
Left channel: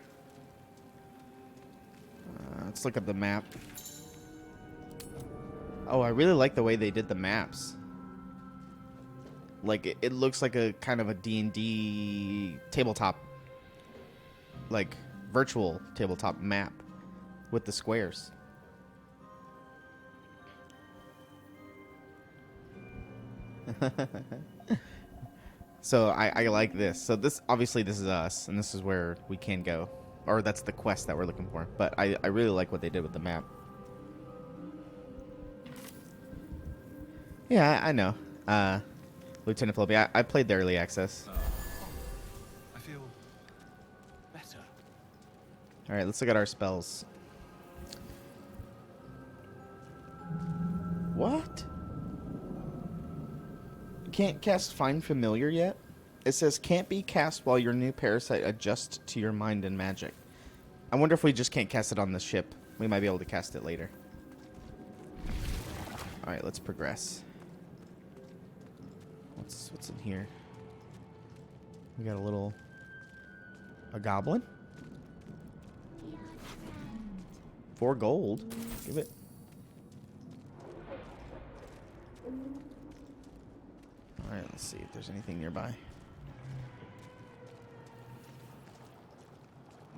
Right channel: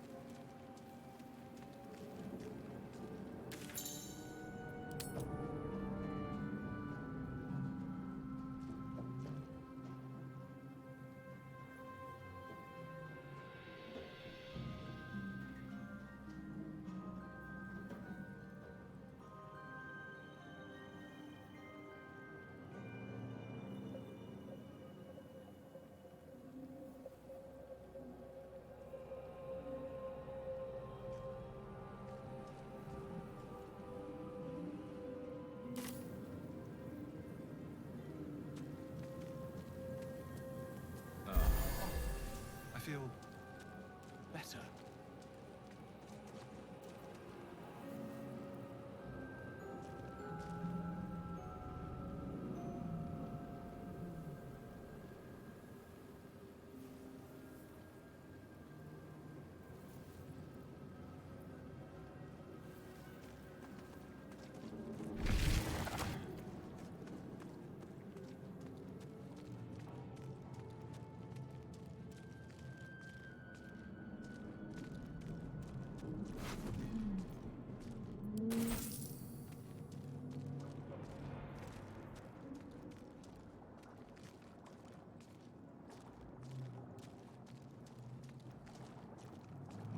Let's look at the map. Oh, I really like the way they did the maps. Like, it looks like a kind of a D&D tabletop, like, virtual tabletop map with the squares. So I like this. So this, obviously this is us, and this is where we can go. Or that's the quest that we're looking for. But I really like what they did with the map. Yeah, I know. Lieutenant Philippi, I played the early access. I feel better. All right, let's look at our spells. What? Can't cast Find Familiar yet? It says can't be cast while your new parasite adjusts to your mind and magic. I wonder if we just can't cast it on the ship. We might be able to cast it later. All right, let's progress. What's in here? We got a goblin. 4 gold. Give it. All right, let's see if there's anything nearby.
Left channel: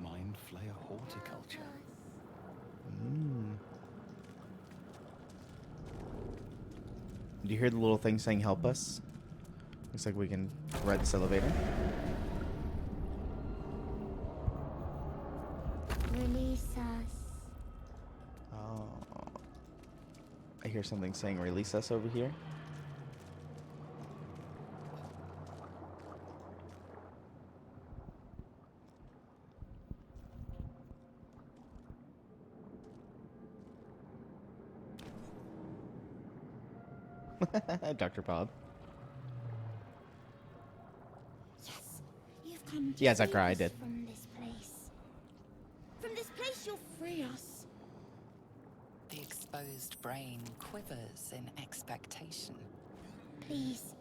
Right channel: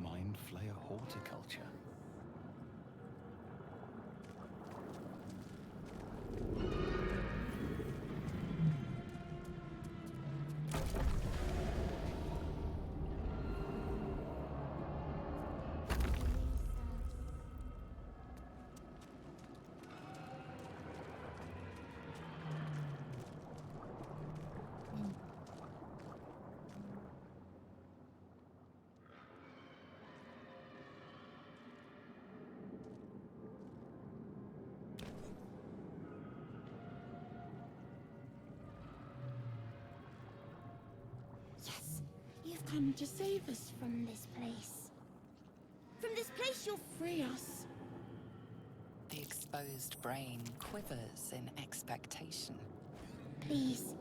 Mind Flayer Horticulture. Do you hear the little thing saying help us? Looks like we can ride this elevator. Release us. Oh. I hear something saying release us over here. Dr. Bob. Yes, you've come to Yeah, save Zachariah, I us did. from this place. From this place, you'll free us. The exposed brain quivers in expectation. Please.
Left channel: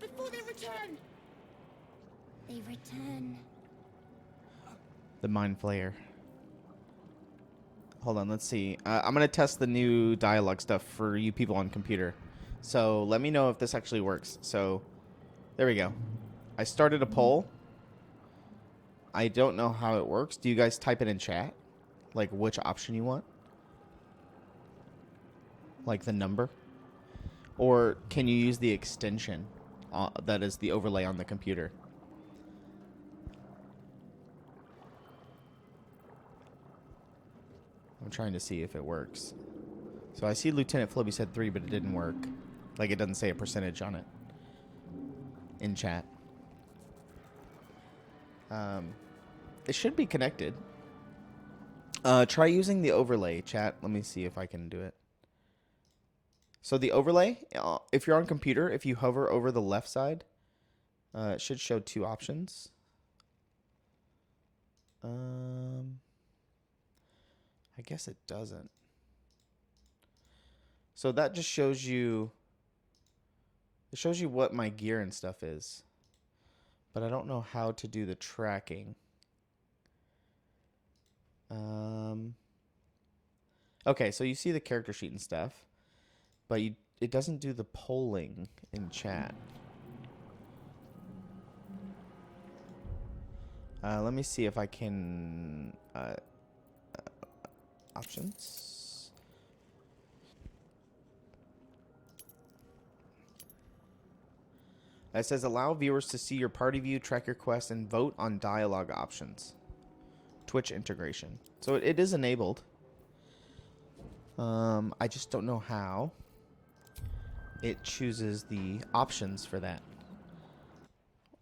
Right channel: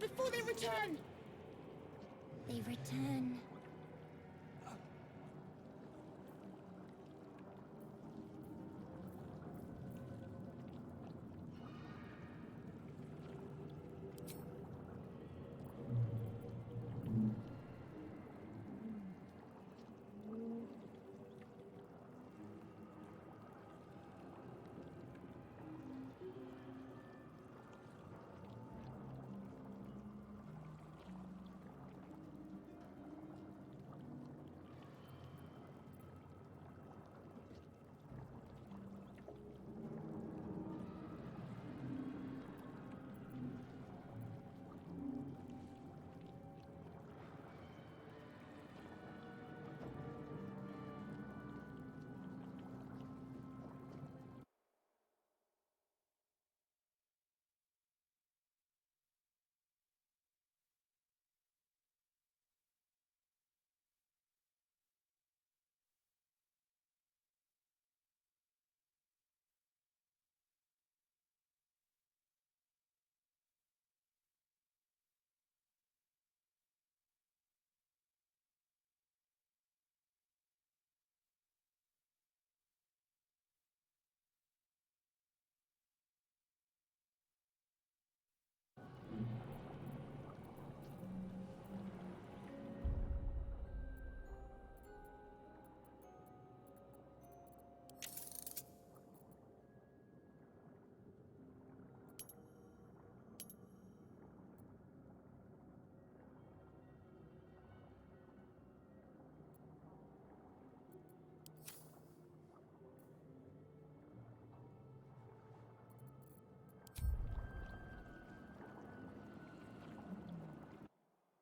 Before they return. They return. The Mind Flayer. Hold on, let's see. I'm going to test the new dialogue stuff for you people on computer. So let me know if this actually works. So there we go. I started a poll. I don't know how it works. Do you guys type it in chat? Like which option you want? Like the number? Or can you use the extension that is the overlay on the computer? I'm trying to see if it works. So I see Lieutenant Flubby said 3, but it didn't work. Like it doesn't say a percentage on it in chat. It should be connected. Try using the overlay, chat. Let me see if I can do it. So the overlay, if you're on computer, if you hover over the left side, it should show 2 options. I guess it doesn't. So that just shows you, it shows you what my gear and stuff is. But I don't know how to do the tracking. Okay, so you see the character sheet and stuff, but it doesn't do the polling in chat. Let me see if I can options. It says allow viewers to see your party view, track your quest, and vote on dialogue options. Twitch integration. So it is enabled. I just don't know how it chooses the options for that.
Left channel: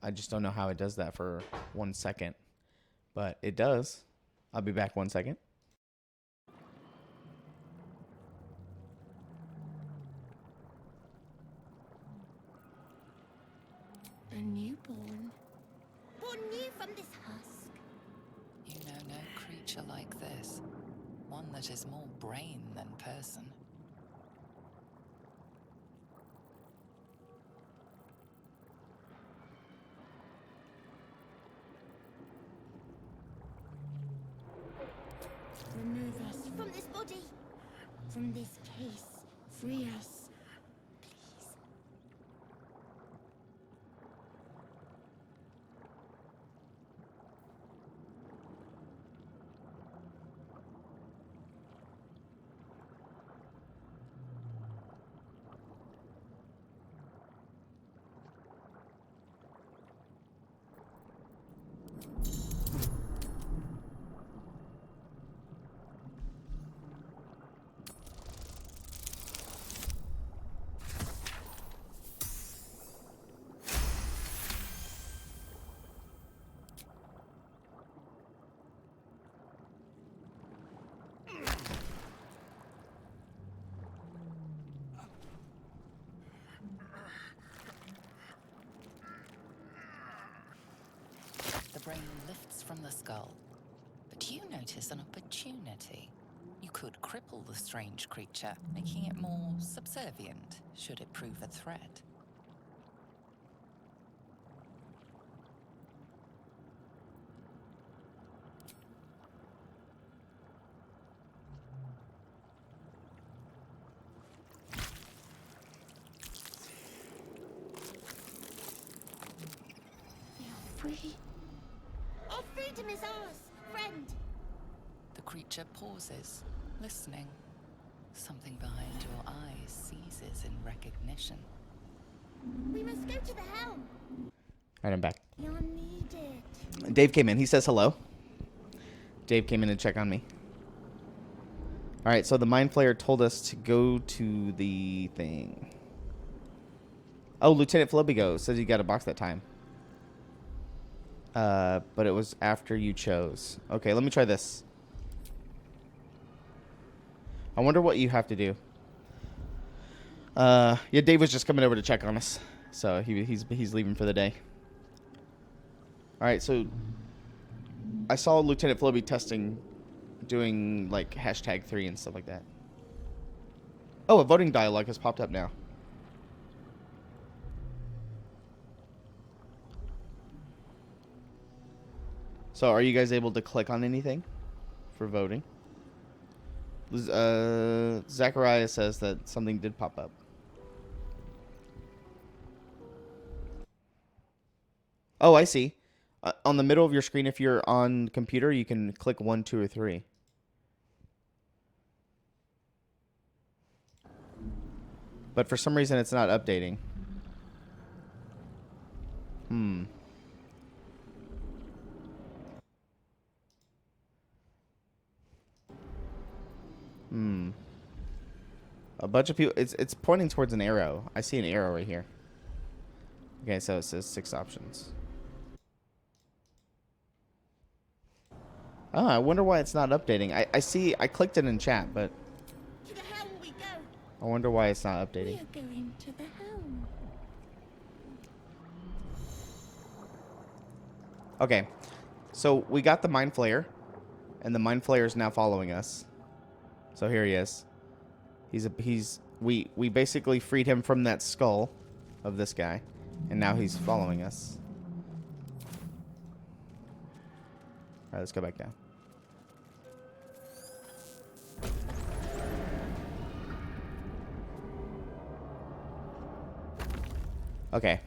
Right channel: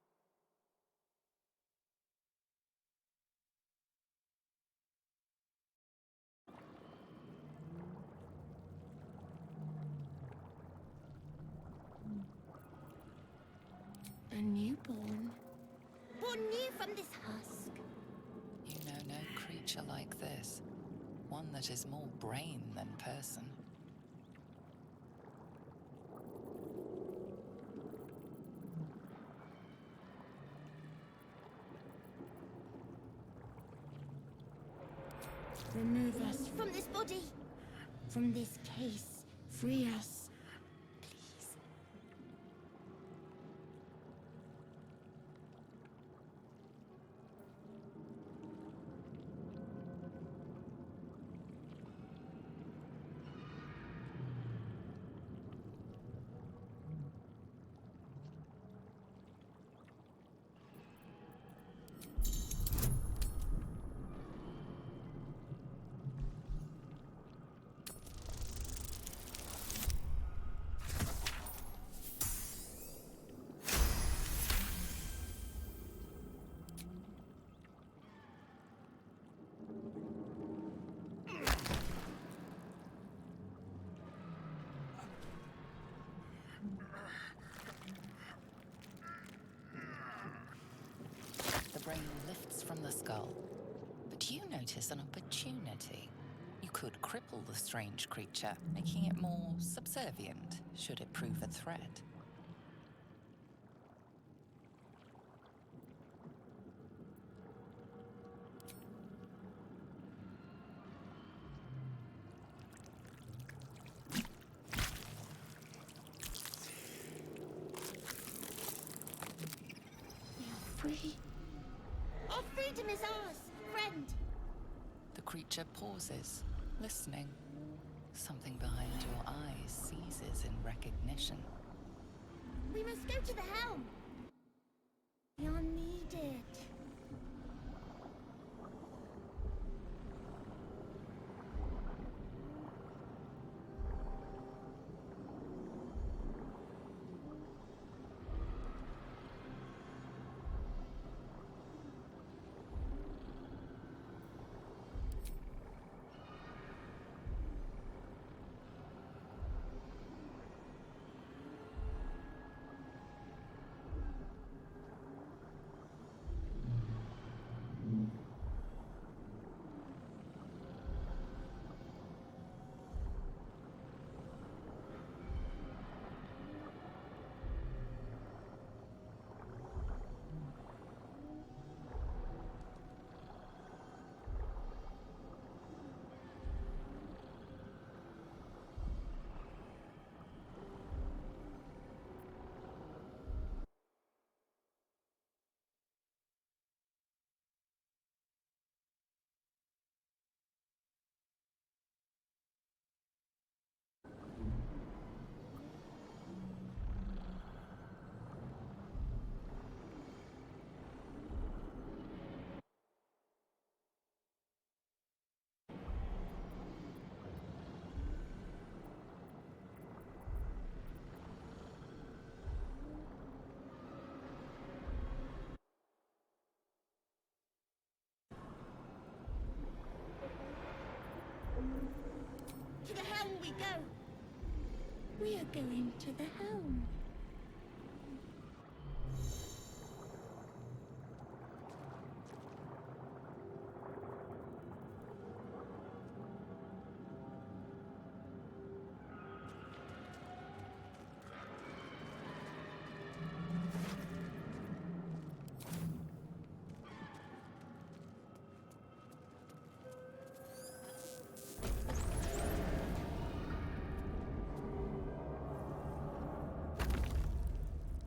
I just don't know how it does that for 1 second. But it does. I'll be back 1 second. A newborn. Born new from this husk. You know no creature like this. One that is more brain than person. Remove us from this body. From this case. Free us. Please. The brain lifts from the skull. But you notice an opportunity. You could cripple the strange creature, making it more subservient, should it prove a threat. We are free. Our freedom is ours, friend. The creature pauses, listening. Something behind your eyes seizes in recognition. We must go to the helm. All right, I'm back. You're needed. Dave came in. He says hello. Dave came in to check on me. All right, so the Mind Flayer told us to go to the thing. Oh, Lieutenant Flobigo says you got a box that time. But it was after you chose. Okay, let me try this. I wonder what you have to do. Yeah, Dave was just coming over to check on us, so he's leaving for the day. All right, so I saw Lieutenant Floby testing, doing like #3 and stuff like that. Oh, a voting dialogue has popped up now. So, are you guys able to click on anything for voting? Zachariah says that something did pop up. Oh, I see. On the middle of your screen, if you're on computer, you can click 1, 2, or 3. But for some reason, it's not updating. A bunch of people. It's pointing towards an arrow. I see an arrow right here. Okay, so it says 6 options. Oh, I wonder why it's not updating. I see. I clicked it in chat, but To the helm we go. I wonder why it's not We updating. are going to the helm. Okay, so we got the Mind Flayer, and the Mind Flayer is now following us. So here he is. We basically freed him from that skull of this guy, and now he's following us. All right, let's go back down. Okay,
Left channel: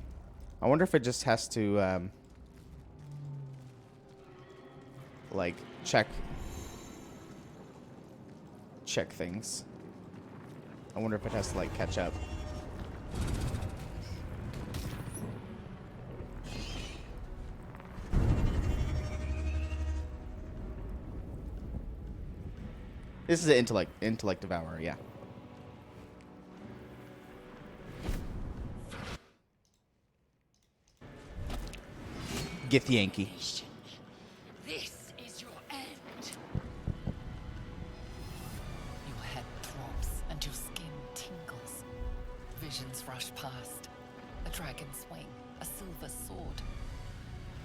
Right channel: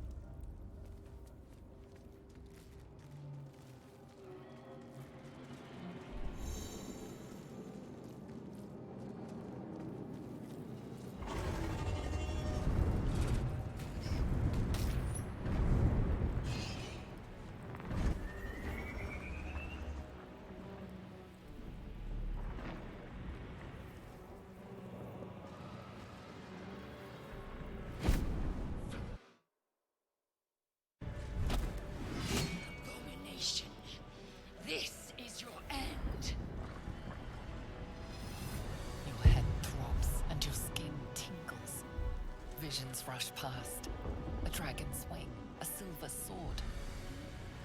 I wonder if it just has to like check things. I wonder if it has to like catch up. This is an intellect devourer, yeah. Get the Yankee. This is your end. Your head throbs and your skin tingles. Visions rush past. A dragon's wing, a silver sword,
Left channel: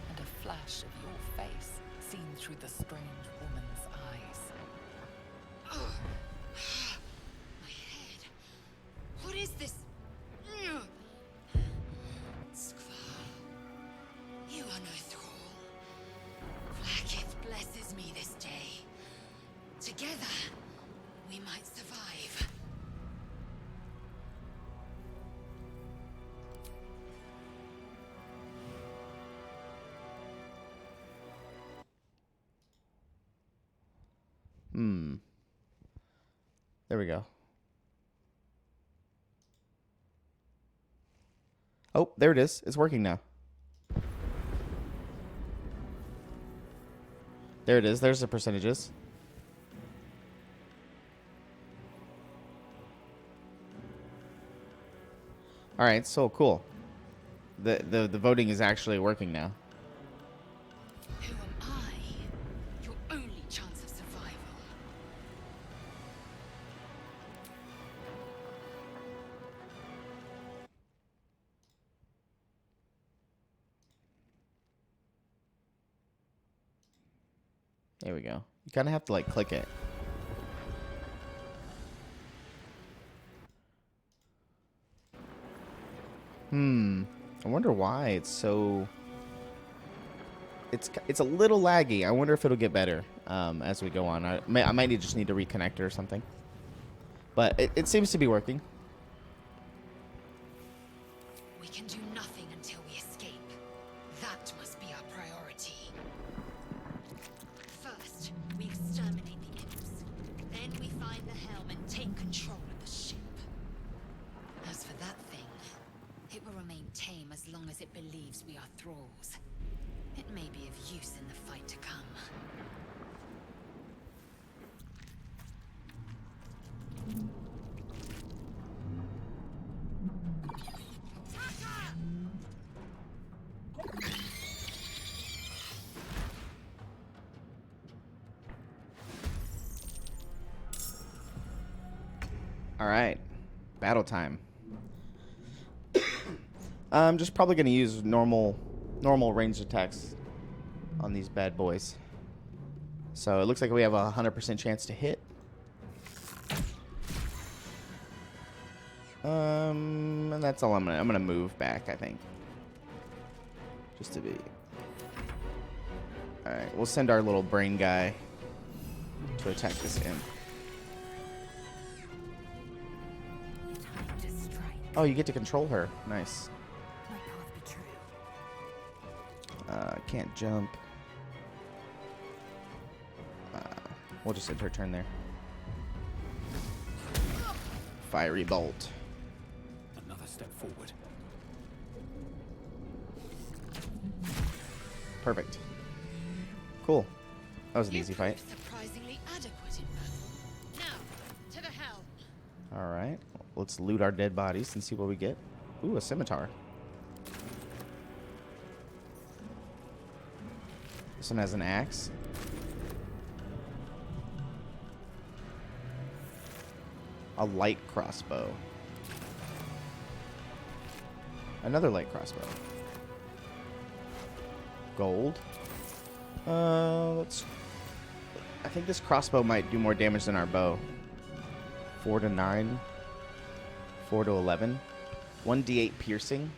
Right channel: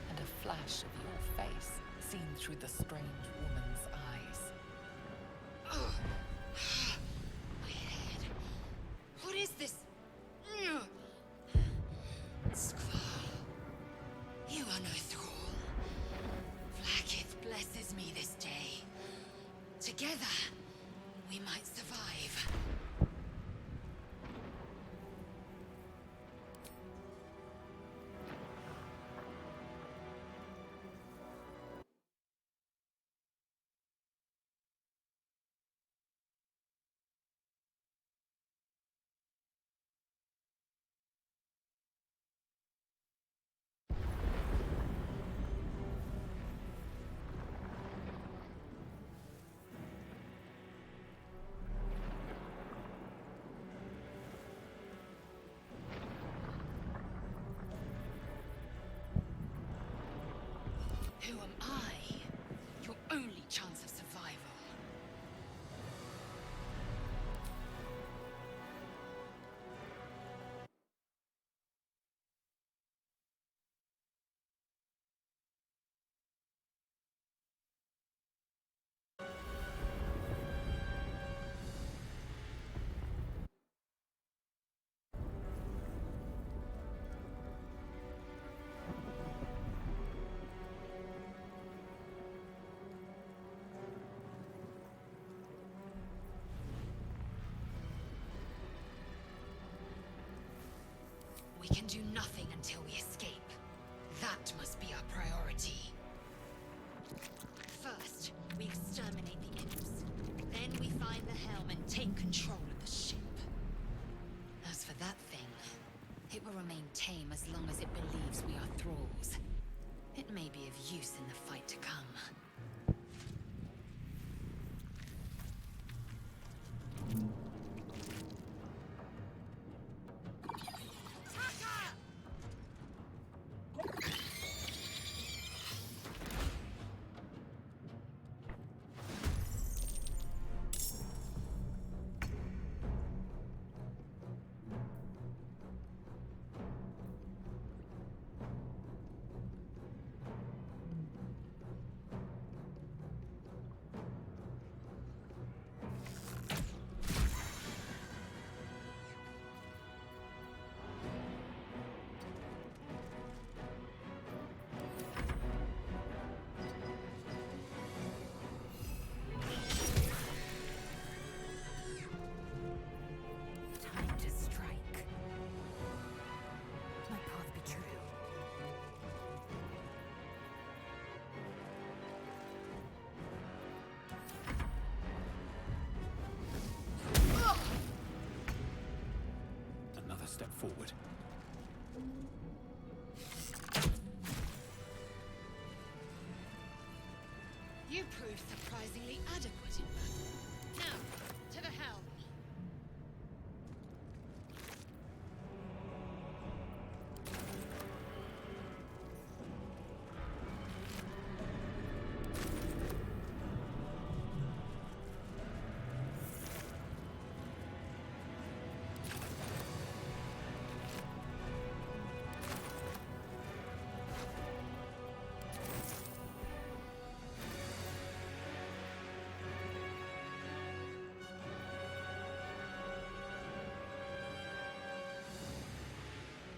and a flash of your face seen through the strange woman's eyes. Ugh. My head. What is this? Skvar. You are no thrall. Vlaakith blesses me this day. Together, we might survive. There we go. Oh, there it is. It's working now. There it is. There's the percentages. All right, so cool. The voting is actually working now. Who am I? Your only chance of survival. There we go. You kind of have to like click it. I wonder why it's so. It's a little laggy. I wonder if it'll get better as we go on. I might just need to reconnect it or something. But it seems to be working. We can do nothing until we escape. That must be our priority. First, we exterminate the imps. Then we find the helm and take control of the ship. As for that thing, it will remain tame as long as it believes we are thralls. It may be of use in the fight to come. All right, battle time. I'm just probably going to use normal ranged attacks on these bad boys. So it looks like we have a 100% chance to hit. And that's all I'm gonna move back, I think. Just to be. Alright, we'll send our little brain guy to attack this thing. Time to strike. Oh, you get to control her. Nice. My path be true. Can't jump. We'll just hit her turn there. Fiery bolt. Another step forward. Perfect. Cool. That was an You easy fight. proved surprisingly adequate in battle. Now, to the helm. Alright. Let's loot our dead bodies and see what we get. Ooh, a scimitar. This one has an axe. A light crossbow. Another light crossbow. Gold. Let's. I think this crossbow might do more damage than our bow. 4 to 9. 4 to 11. 1d8 piercing.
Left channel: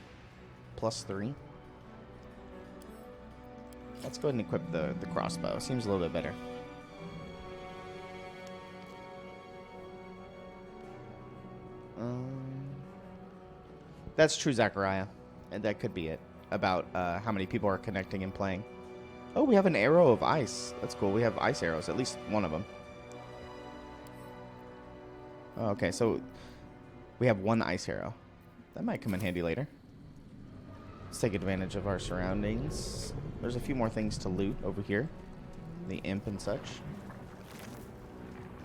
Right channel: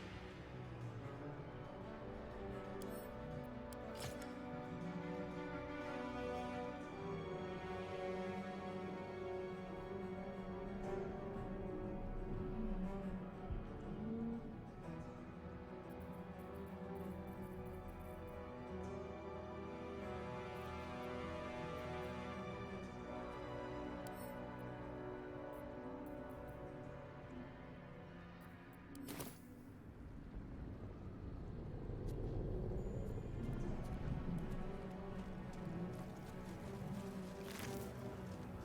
+3. Let's go ahead and equip the crossbow. Seems a little bit better. That's true, Zachariah. And that could be it. About how many people are connecting and playing. Oh, we have an arrow of ice. That's cool. We have ice arrows. At least one of them. Oh, okay, so we have one ice arrow. That might come in handy later. Let's take advantage of our surroundings. There's a few more things to loot over here. The imp and such.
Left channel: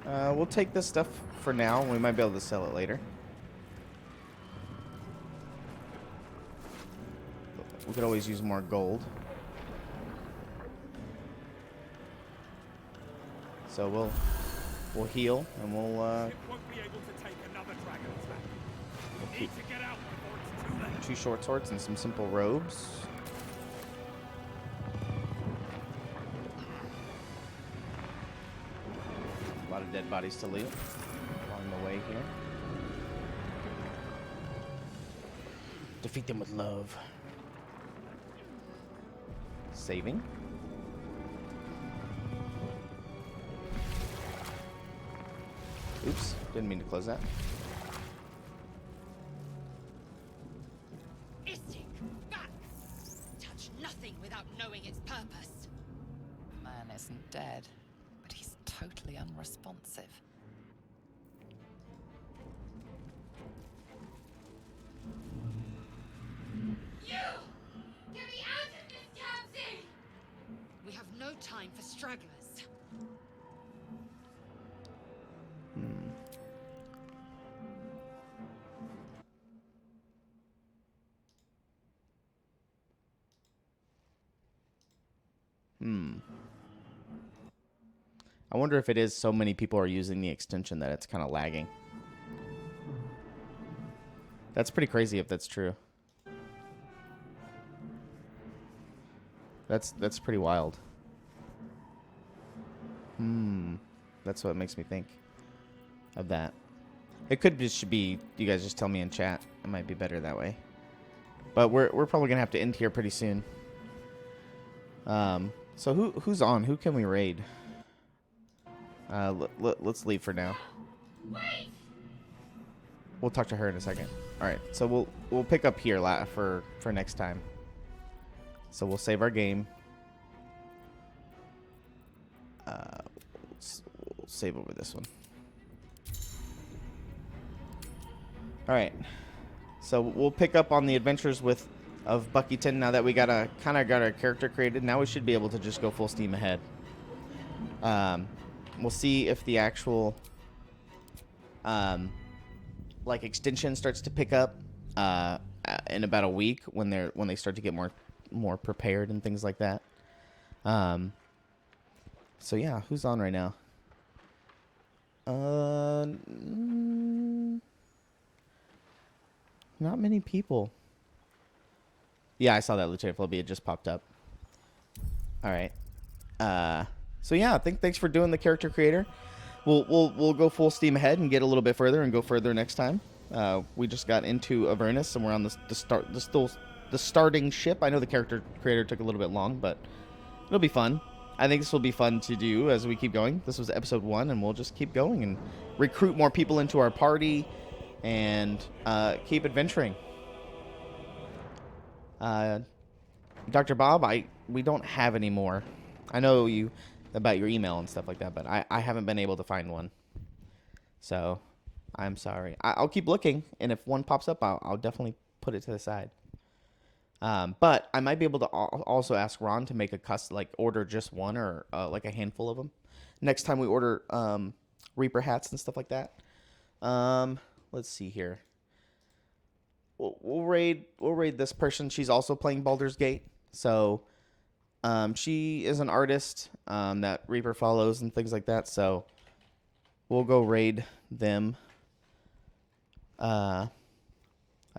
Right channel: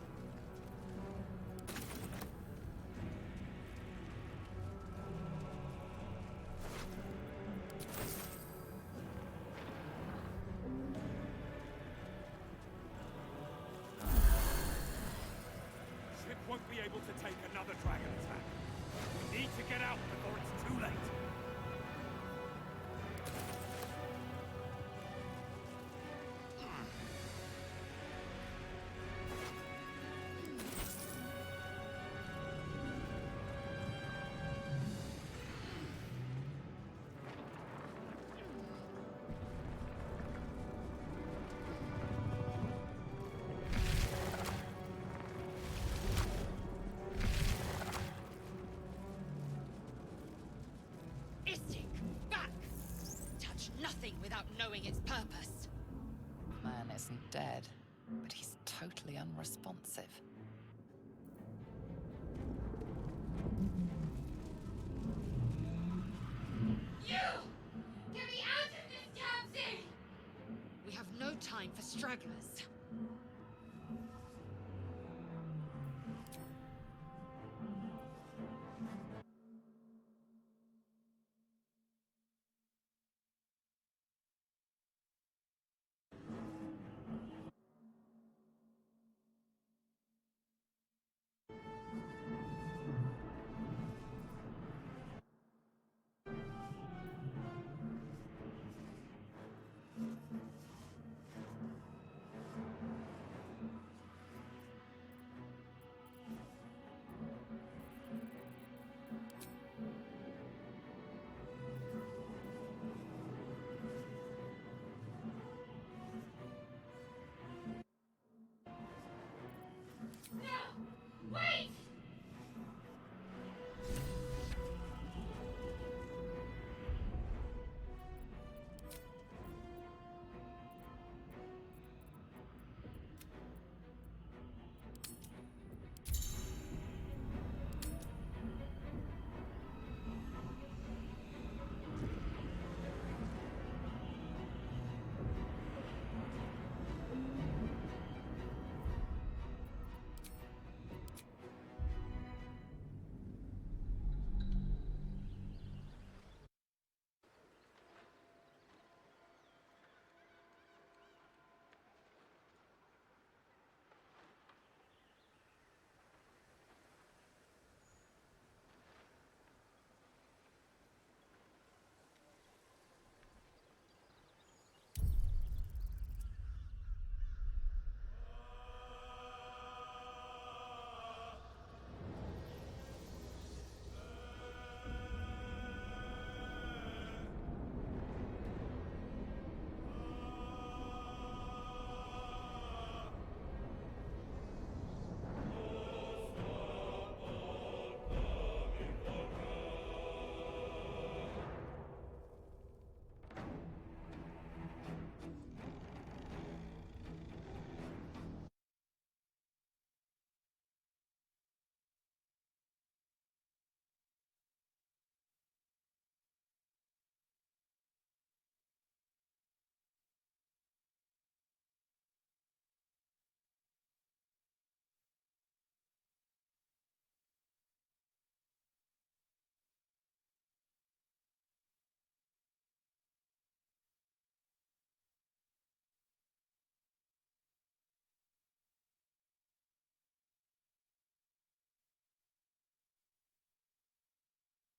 We'll take this stuff for now. We might be able to sell it later. We could always use more gold. So we'll heal and we'll Ship won't be able to take another dragon attack. We need to get out before it's too late. 2 short swords and some simple robes. A lot of dead bodies to leave along the way here. Defeat them with love. Saving. Oops, didn't mean to close that. Istik, back! Touch nothing without knowing its purpose. Man isn't dead, but he's totally unresponsive. You! Get me out of this damn thing! We have no time for stragglers. I wonder if it is so many people are using the extension that it's kind of lagging. That's pretty crazy if that's true. That's pretty wild. That's what makes me think of that. It could just be you guys just tell me in chat. It might be better that way. But we're probably gonna have to end here pretty soon. So who's on? Who can we raid? Let's leave for now. Wait! We'll talk to her in a second. All right, so we'll pick up here for next time. So we'll save our game. We'll save over this one. All right. So we'll pick up on the adventures of Buckyton now that we kind of got our character created. Now we should be able to just go full steam ahead. We'll see if the actual like extension starts to pick up in about a week when they start to get more prepared and things like that. So yeah, who's on right now? Not many people. Yeah, I saw that Lieutenant Philby. It just popped up. All right. So yeah, thanks for doing the character creator. We'll go full steam ahead and get a little bit further and go further next time. We just got into Avernus and we're on the starting ship. I know the character creator took a little bit long, but it'll be fun. I think this will be fun to do as we keep going. This was episode 1, and we'll just keep going and recruit more people into our party and keep adventuring. Dr. Bob, we don't have any more. I know you about your email and stuff like that, but I haven't been able to find one. So I'm sorry. I'll keep looking, and if one pops up, I'll definitely put it to the side. But I might be able to also ask Ron to make order just one or like a handful of them next time we order Reaper hats and stuff like that. Let's see here. We'll raid this person. She's also playing Baldur's Gate, so she is an artist that Reaper follows and things like that. So we'll go raid them. I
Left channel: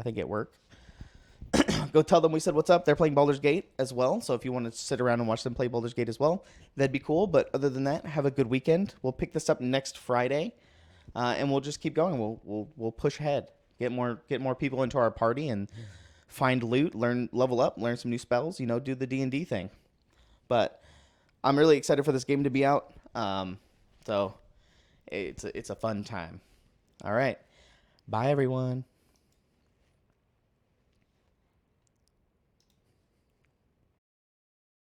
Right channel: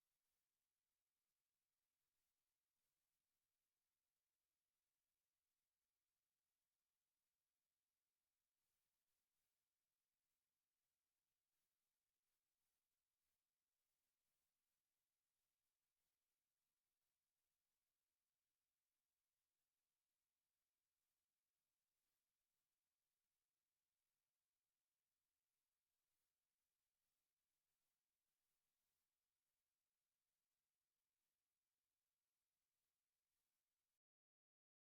think it worked. Go tell them we said what's up. They're playing Baldur's Gate as well. So if you want to sit around and watch them play Baldur's Gate as well, that'd be cool. But other than that, have a good weekend. We'll pick this up next Friday, and we'll just keep going. We'll push ahead, get more people into our party, and find loot, level up, learn some new spells. Do the D&D thing. But I'm really excited for this game to be out. So it's a fun time. All right, bye everyone.